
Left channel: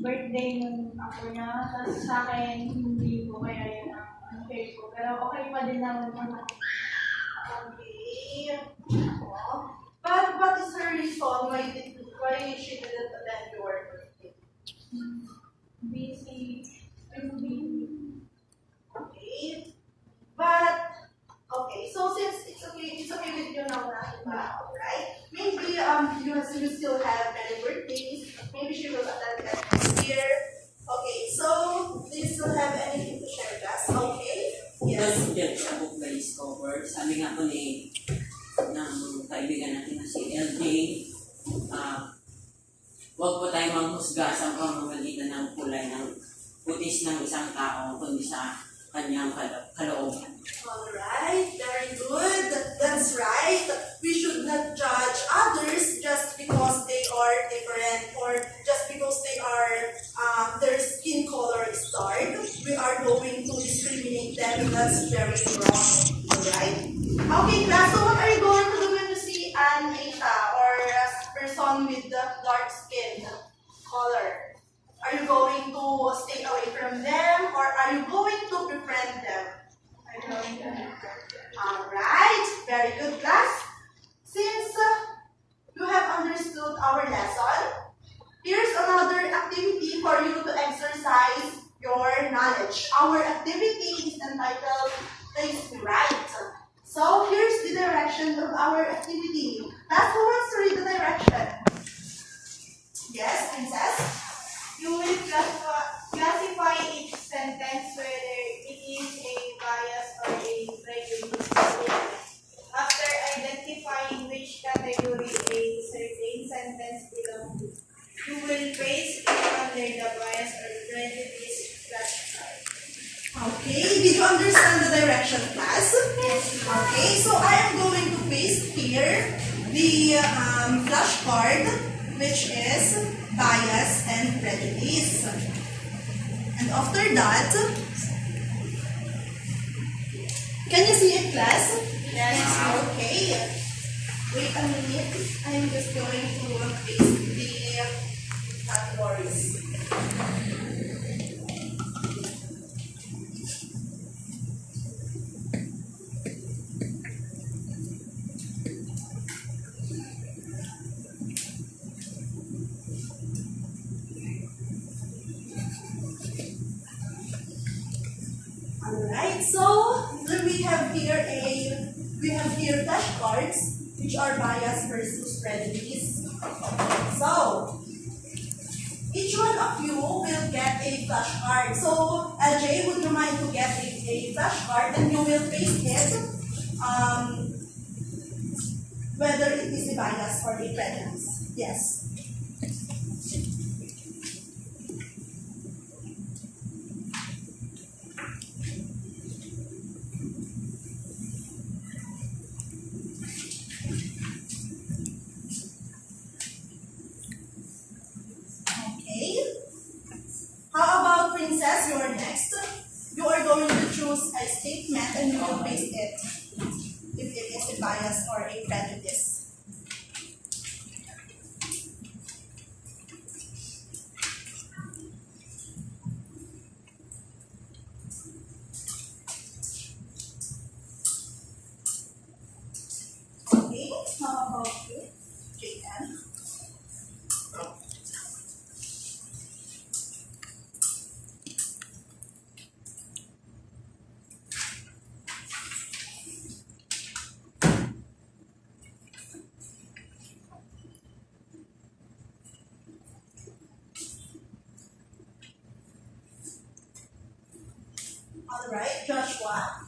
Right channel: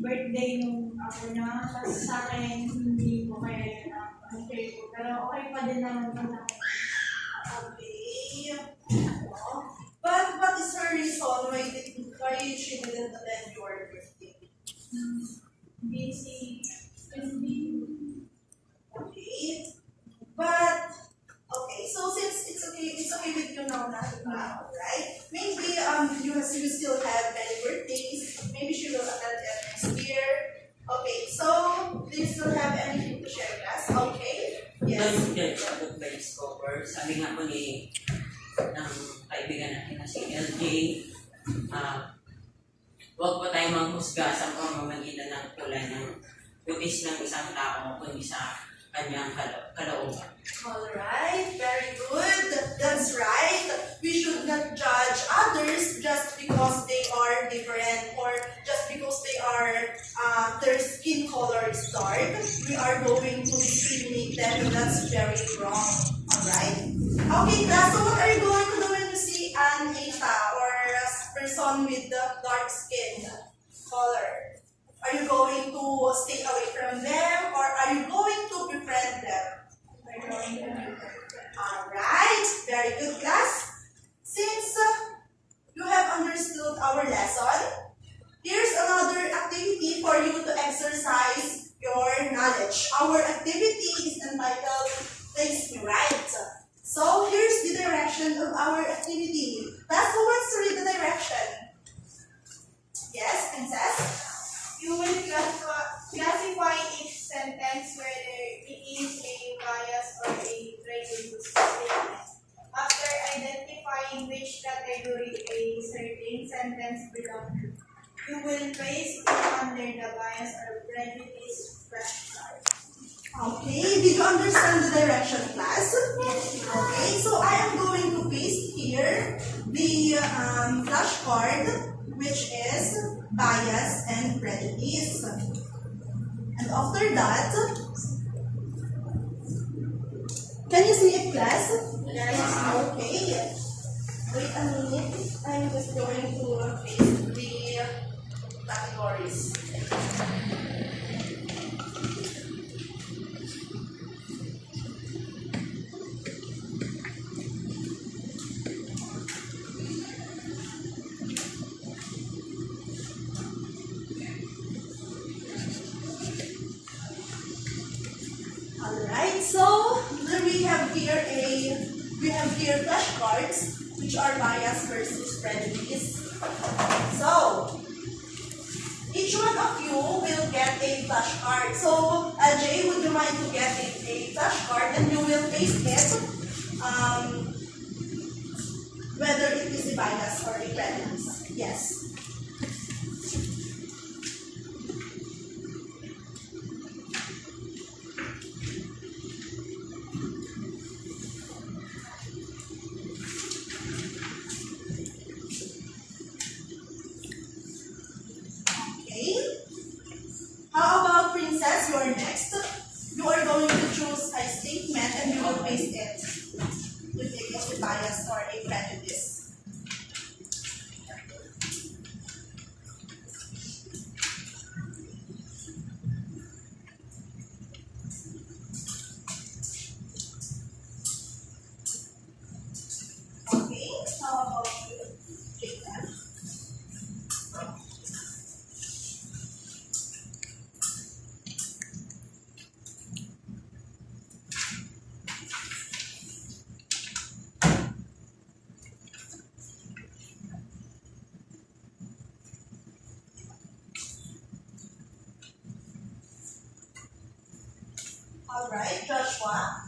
birthday nung ako niya, tapos sa akin, hindi ko kaya yun ang unfair ko. Pero okay pa din naman sa akin. Okay. Oh. But what is her reason why she didn't attend your birthday? Busy. Okay. But okay, so since it's okay with you now, right? Maybe you still have many birthdays. Maybe she will attend that next year. Okay, so do you still have anything to share, class? Okay. Yes. Yes. Sa book by Discover, sabi nga po ng kaibigan natin na si LJ, huwag po tayo manghusga sa pamamagitan ng kulay ng putis ng isang tao kundi sa kanyang kalooban. Alright, very good. That's right. We should not judge others just because they are different or just because their skin color is dark. We are going to discriminate them, and that's very wrong. Alright? Okay, class, so what are you going to do when you see an Asia or a person with the dark skin color? Are you going to stay away from them or are you going to befriend them? Alright, very good, class. Since you have understood our lesson, here's another activity for you to exercise your knowledge. Our activity is entitled Place Me Right. So here's the direction of our activity. Class, who wants to read the direction? Yes, Princess? You will classify each sentence whether it is a bias or a prejudice statement. After identifying which category a certain sentence belongs to, you will place it under the bias or prejudice flashcard. Okay, did you understand the direction, class? Yes. Okay, so I am going to paste here the flashcard, which is bias and prejudice. And after that, can you see it, class? Yes. Okay. Wait a minute. I'm just going to paste the categories. Alright, so we have here flashcards which are bias versus prejudice. So each one of you will get a flashcard. So Jay, would you mind to get a flashcard and you will paste it whether it is a bias or a prejudice. Yes. How about Princess? You are next. You are going to choose a statement and you will paste it if it is a bias or a prejudice. Okay, how about you, Jacob? Alright, Joshua.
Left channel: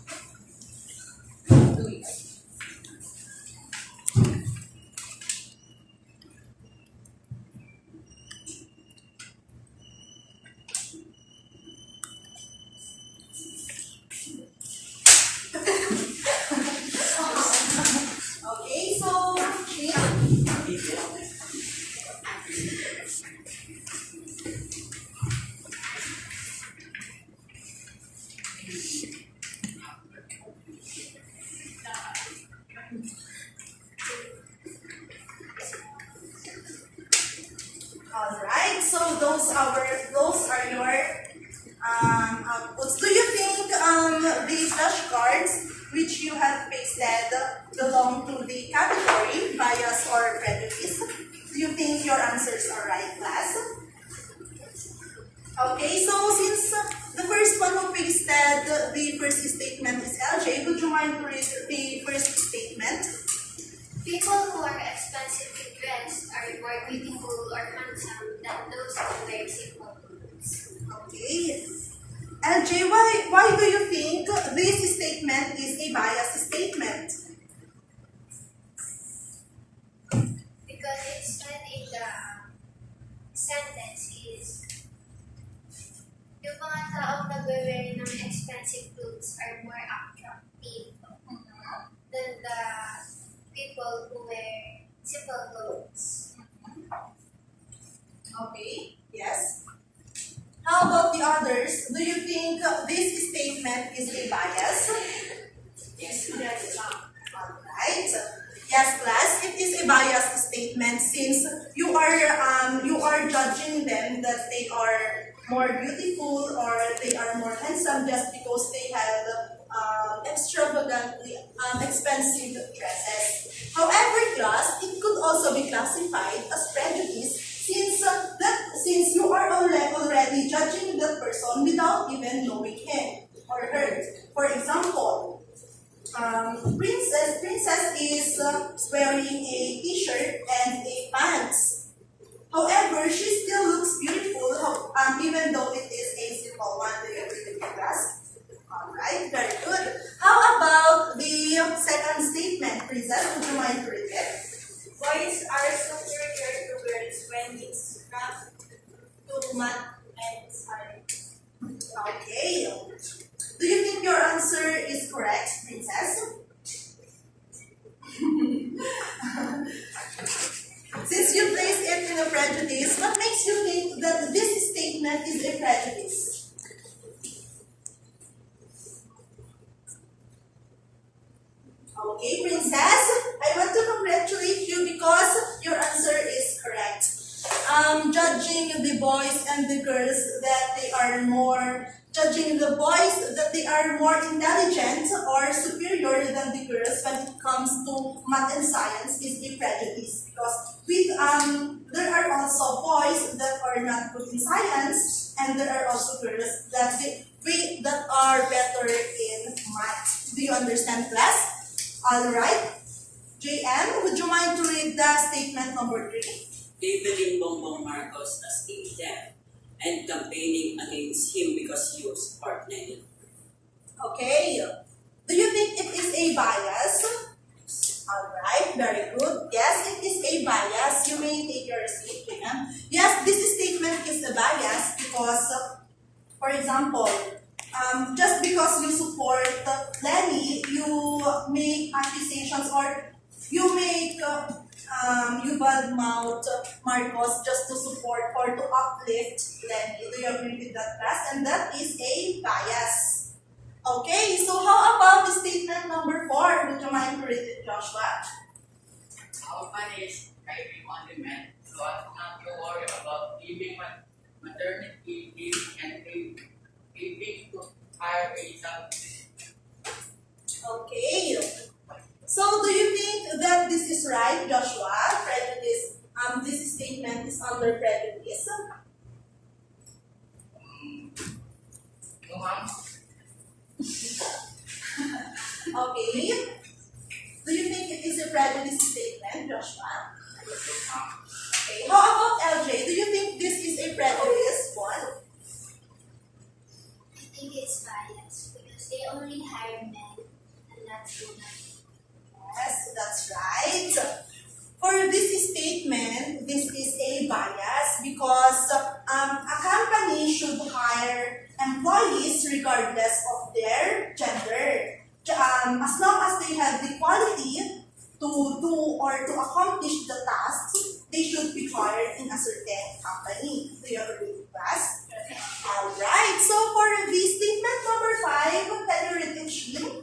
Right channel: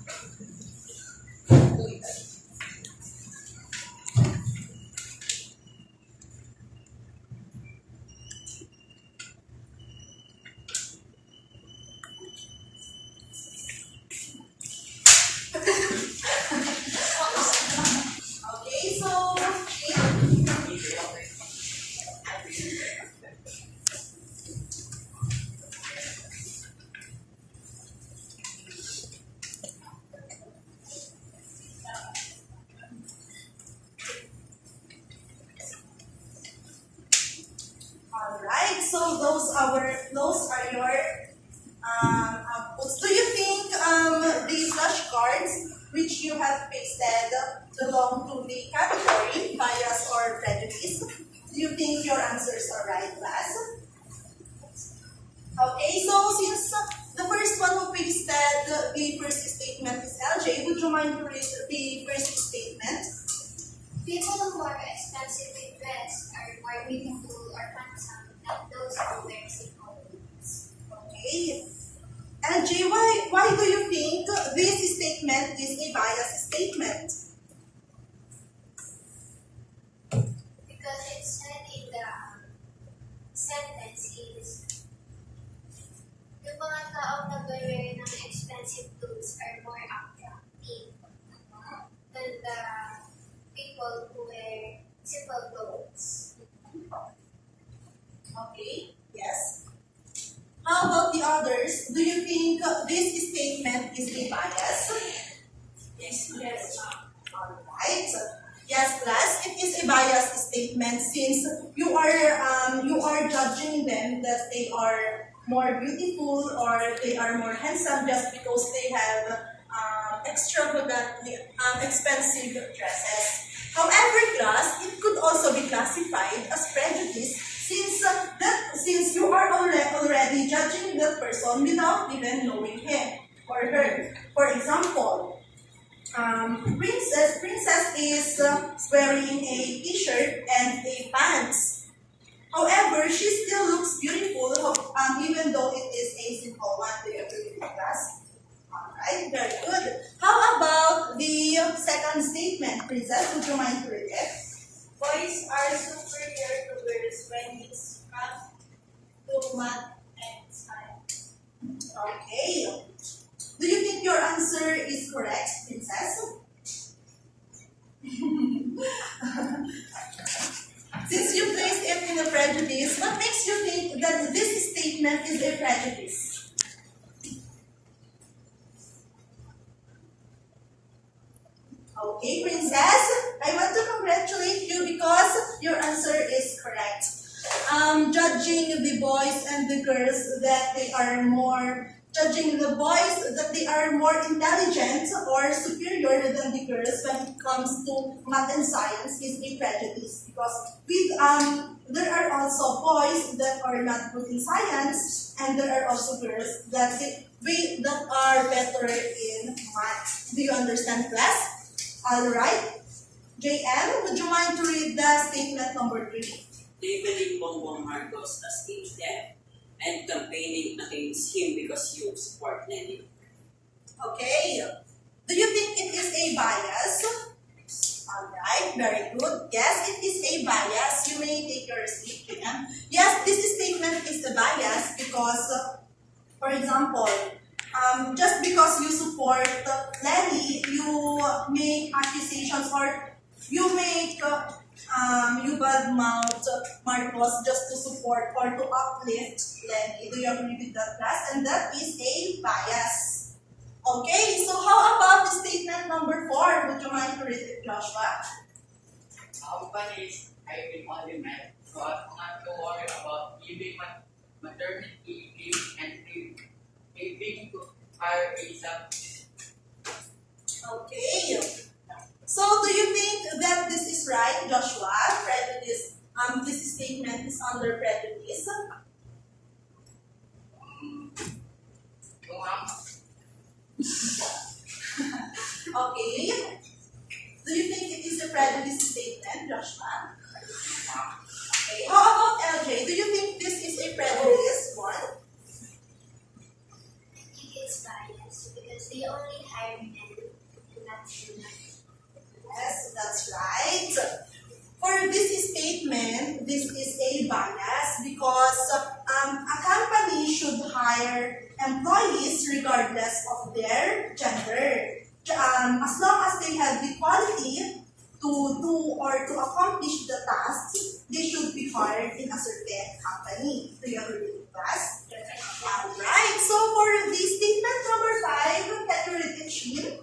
Do it. Okay, so yeah. Alright, so those are your outputs. Do you think these flashcards which you have pasted belong to the category bias or prejudice? Do you think your answers are right, class? Okay, so since the first one who pasted the first statement is LJ, would you mind to read the first statement? People who are expensively dressed are more beautiful or handsome than those who wear simple clothes. Okay. LJ, why do you think this statement is a biased statement? Because it said in the sentence is, yung mga taong nagwe-wear ng expensive clothes are more attractive than the people who wear simple clothes. Okay, yes. How about the others? Do you think this statement is a bias? Yes. Alright. Yes, class, it is a biased statement since you are judging them that they are more beautiful or they are more handsome just because they have extravagantly expensive dresses. However, class, it could also be classified as prejudice since you are already judging that person without even knowing him or her. For example, Princess is wearing a t-shirt and a pants. However, she still looks beautiful even though it is a simple one. Do you agree with me, class? Alright, very good. How about the second statement, Princess? Would you mind to read it? Boys are superior to girls when it's come to math and science. Okay. Do you think your answer is correct, Princess? Since you placed it in a prejudice, what makes you think that this statement is a prejudice? Okay, Princess, I want to congratulate you because your answer is correct. Judging the boys and the girls that they are more intelligent or superior than the girls when it comes to math and science is a prejudice because there are also boys that are not good in science and there are also girls that are better in math. Do you understand, class? Alright. JM, would you mind to read the statement number 3? Labeling Bongbong Marcos as a deaf and campaigning against him because you support Nelly. Okay. Do you think it is a bias? Alright, very good. Yes, it is a bias. You may take your seat, JM. Yes, this statement is a bias because, for example, just because you support Lenny, you make accusations or you badmouth Marcos just to support or to uplift Lenny. Do you agree with that, class? And that is a bias. Okay, so how about the statement number 4? Would you mind to read it, Joshua? Companies hiring only men so as not to worry about giving maternity leave and paying to hire a substitute. Okay. So, do you think that this is right, Joshua? Prejudice. This statement is under prejudice. No, ma'am. Okay. Do you think it is a prejudice statement, Joshua? No, ma'am. Okay. How about LJ? Do you think this is a prejudice one? I think it's biased because Yes, that's right. For this statement, this is a bias because a company should hire employees regardless of their gender. As long as they have the quality to do or to accomplish the tasks, they should be hired in a certain company. Do you agree with class? Alright, so for the statement number 5, can you read it, Shin?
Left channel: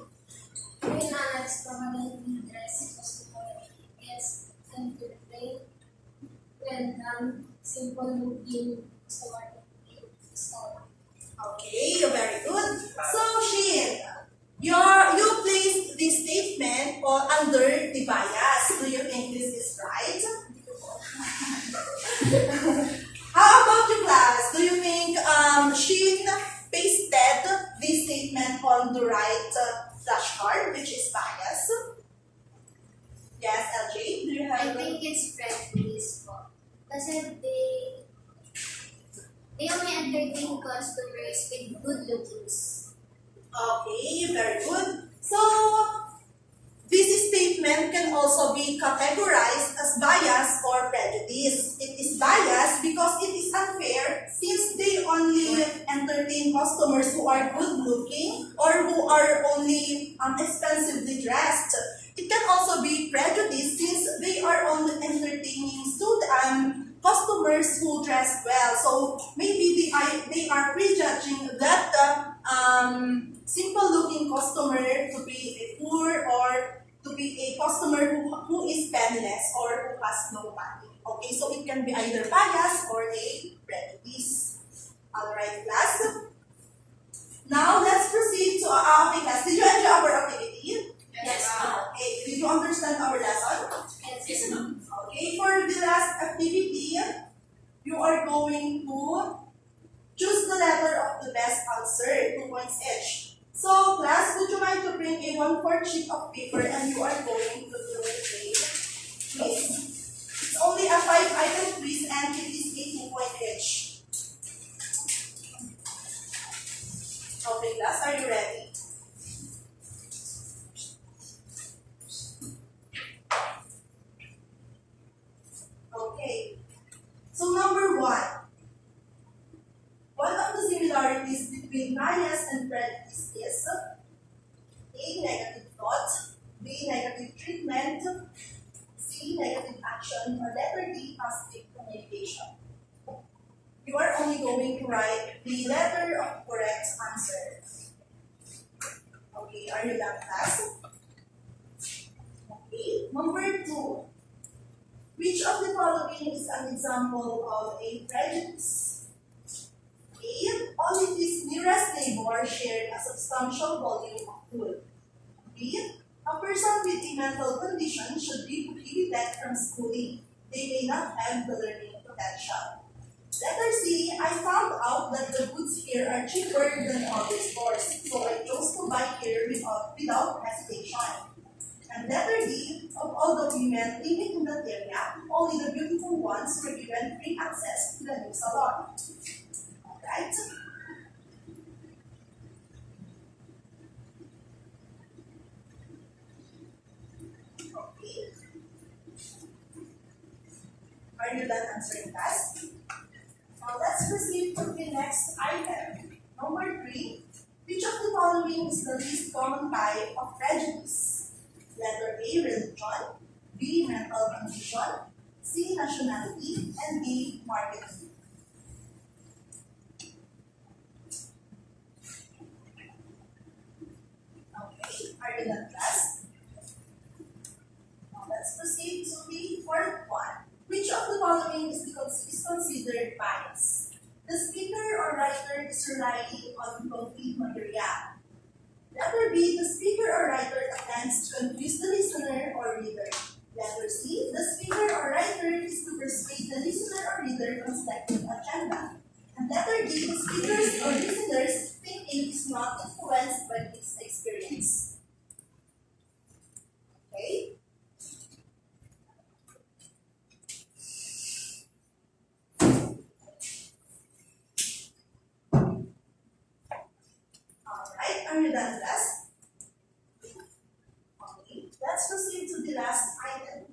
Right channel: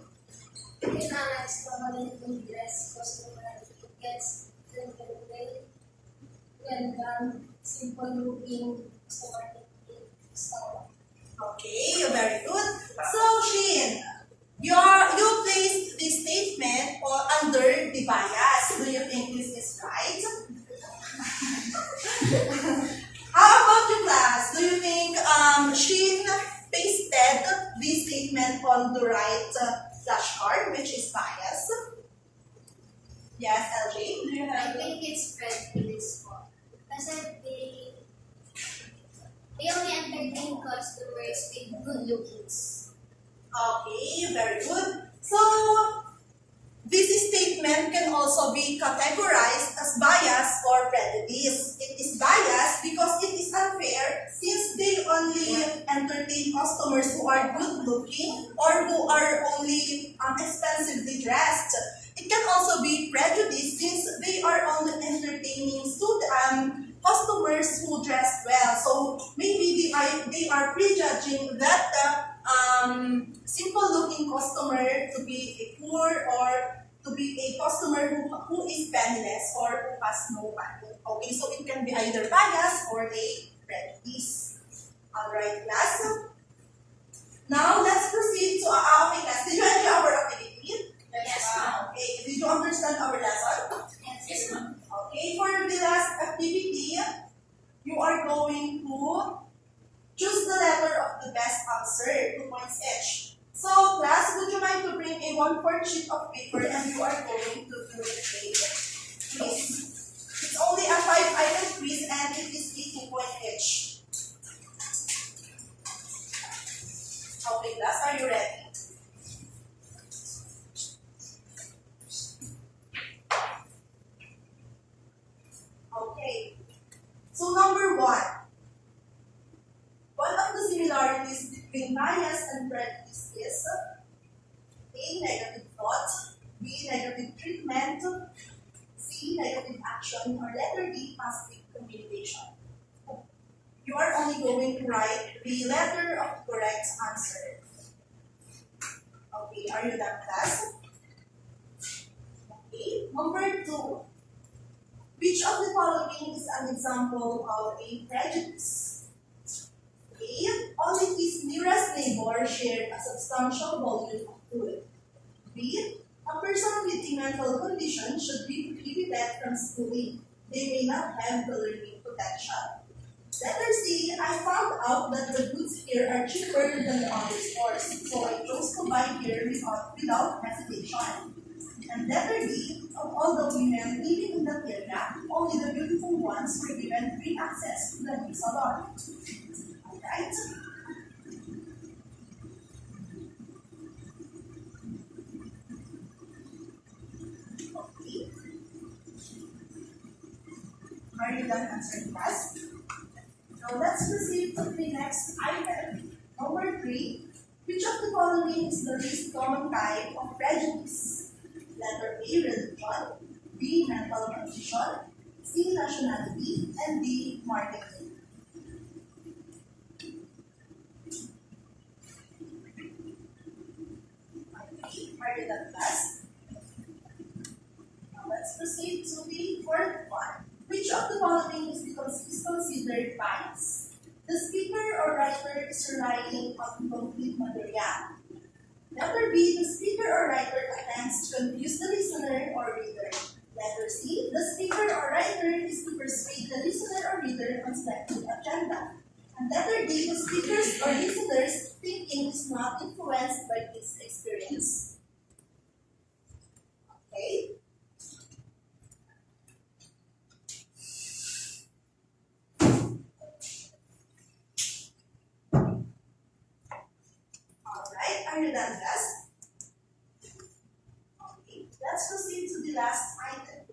When an extravagantly dressed customer gets entertained when done simple looking customer style. Okay, very good. So, Shin, you placed this statement under the bias. Do you think this is right? How about you, class? Do you think Shin pasted this statement on the right flashcard, which is bias? Yes, LJ, do you I have? think it's prejudice po. Kasi they only entertain customers with good lookings. Okay, very good. So, this statement can also be categorized as bias or prejudice. It is bias because it is unfair since they only entertain customers who are good looking or who are only expensively dressed. It can also be prejudice since they are only entertaining customers who dress well. So maybe they are prejudging that simple looking customer to be a poor or to be a customer who is penniless or who has no money. Okay, so it can be either bias or a prejudice. Alright, class. Now let's proceed to okay, class. Did you enjoy our activity? Yes, ma'am. Okay, did you understand our lesson? Yes, ma'am. Okay, for the last activity, you are going to choose the letter of the best answer, 2 points each. So, class, would you mind to bring a 1/4 sheet of paper and you are going to do a quiz? It's only a 5-item quiz and it is a 2-point each. Okay, class, are you ready? Okay. So, number 1. One of the similarities between bias and prejudice is A. Negative thought, B. Negative treatment, C. Negative action, or letter D. Positive communication. You are only going to write the letter of correct answer. Okay, are you done, class? Okay, number 2. Which of the following is an example of a prejudice? A. Only his nearest neighbor shared a substantial volume of food. B. A person with a mental condition should be prohibited from schooling. They may not have the learning potential. Letter C. I found out that the goods here are cheaper than the other stores, so I chose to buy here without hesitation. And letter D. Of all the women living in that area, only the beautiful ones were given free access to the new salon. Right? Okay. Are you done answering class? Now let's proceed to the next item. Number 3. Which of the following is the least common type of prejudice? Letter A. Religion, B. Mental condition, C. Nationality, and D. Marketing. Are you done, class? Now let's proceed to the 4th one. Which of the following is considered bias? The speaker or writer is relying on incomplete material. Letter B, the speaker or writer attempts to confuse the listener or reader. Letter C, the speaker or writer is to persuade the listener or reader on selected agenda. And letter D, the speaker's or listener's thinking is not influenced by his experience. Okay? Alright, are you done, class? last item.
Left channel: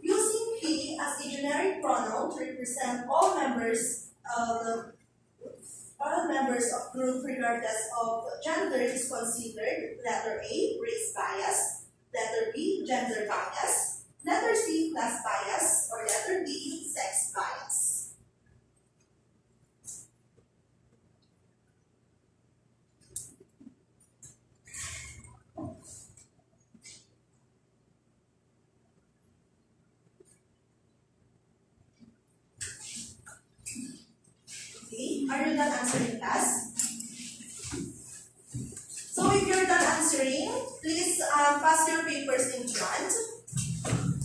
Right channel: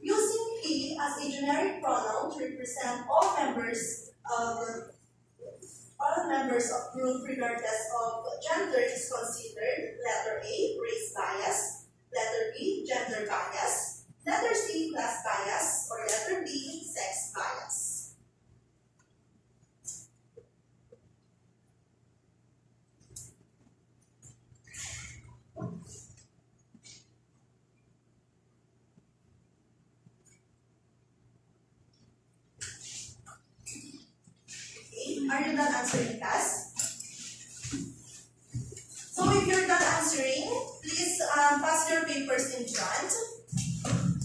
Using he as a generic pronoun to represent all members of group regardless of gender is considered letter A, race bias, letter B, gender bias, letter C, class bias, or letter D, sex bias. Okay, are you done answering, class? So if you're done answering, please pass your papers in front.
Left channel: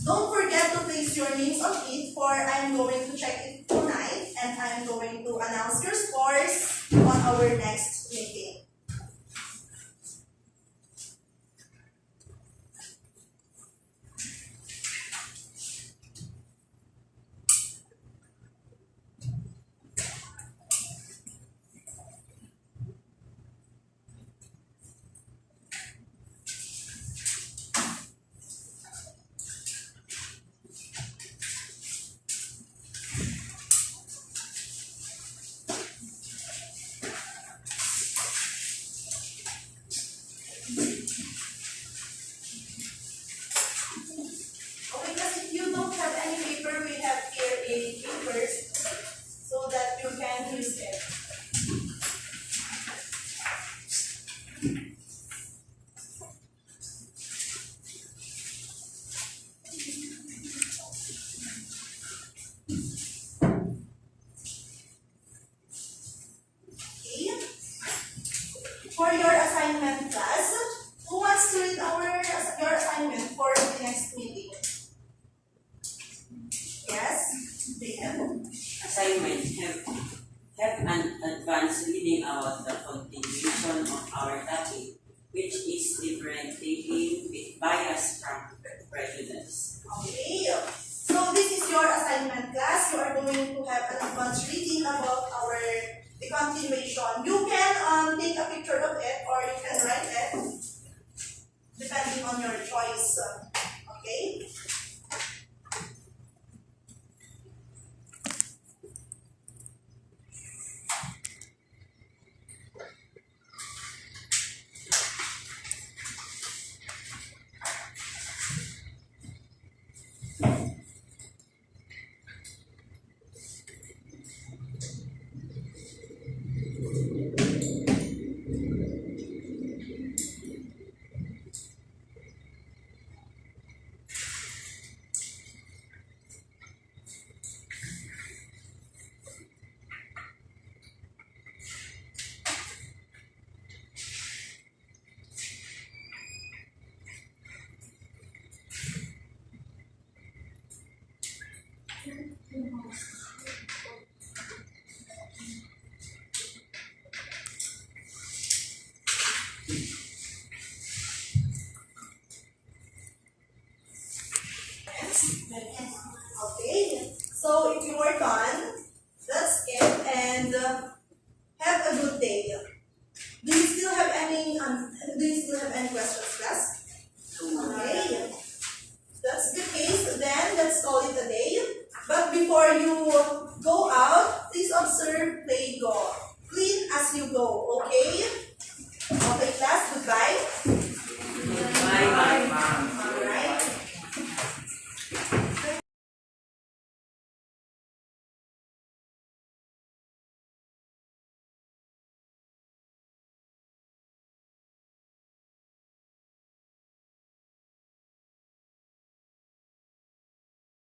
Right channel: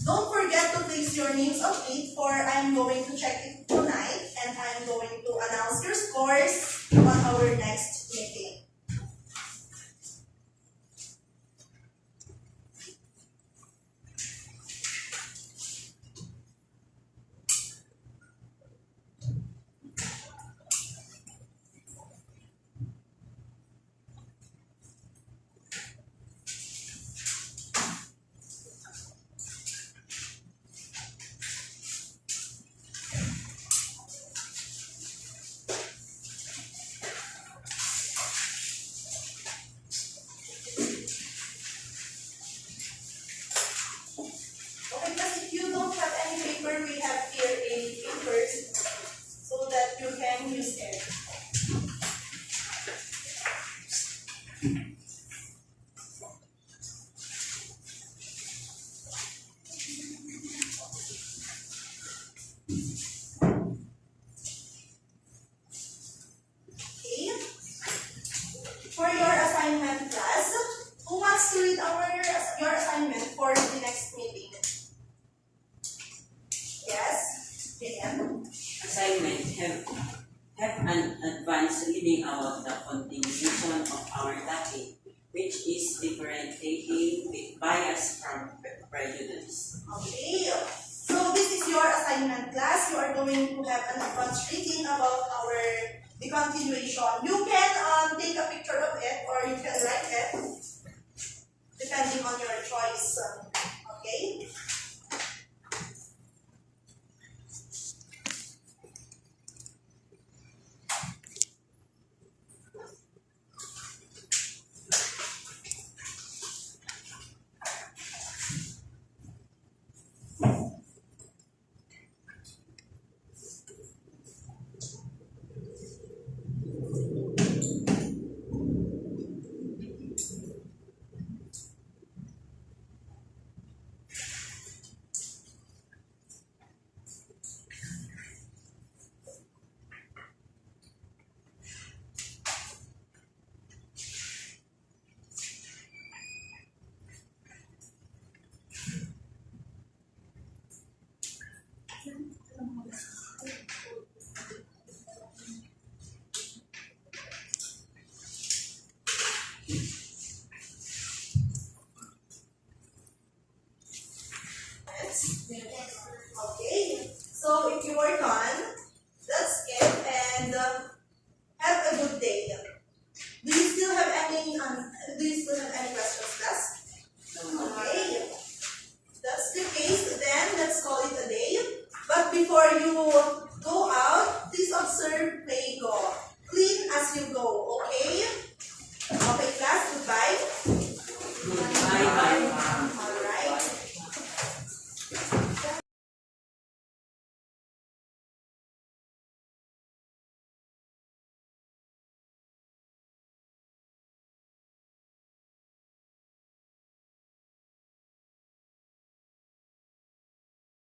Don't forget to place your names on it, for I'm going to check it tonight and I'm going to announce your scores on our next meeting. Okay, because if you don't have any paper, we have here a papers so that you can use it. Okay. For your assignment, class, who wants to read your assignment for the next meeting? Yes, JM. Assignment have an advanced reading about the continuation of our topic, which is differentiating bias from prejudice. Okay.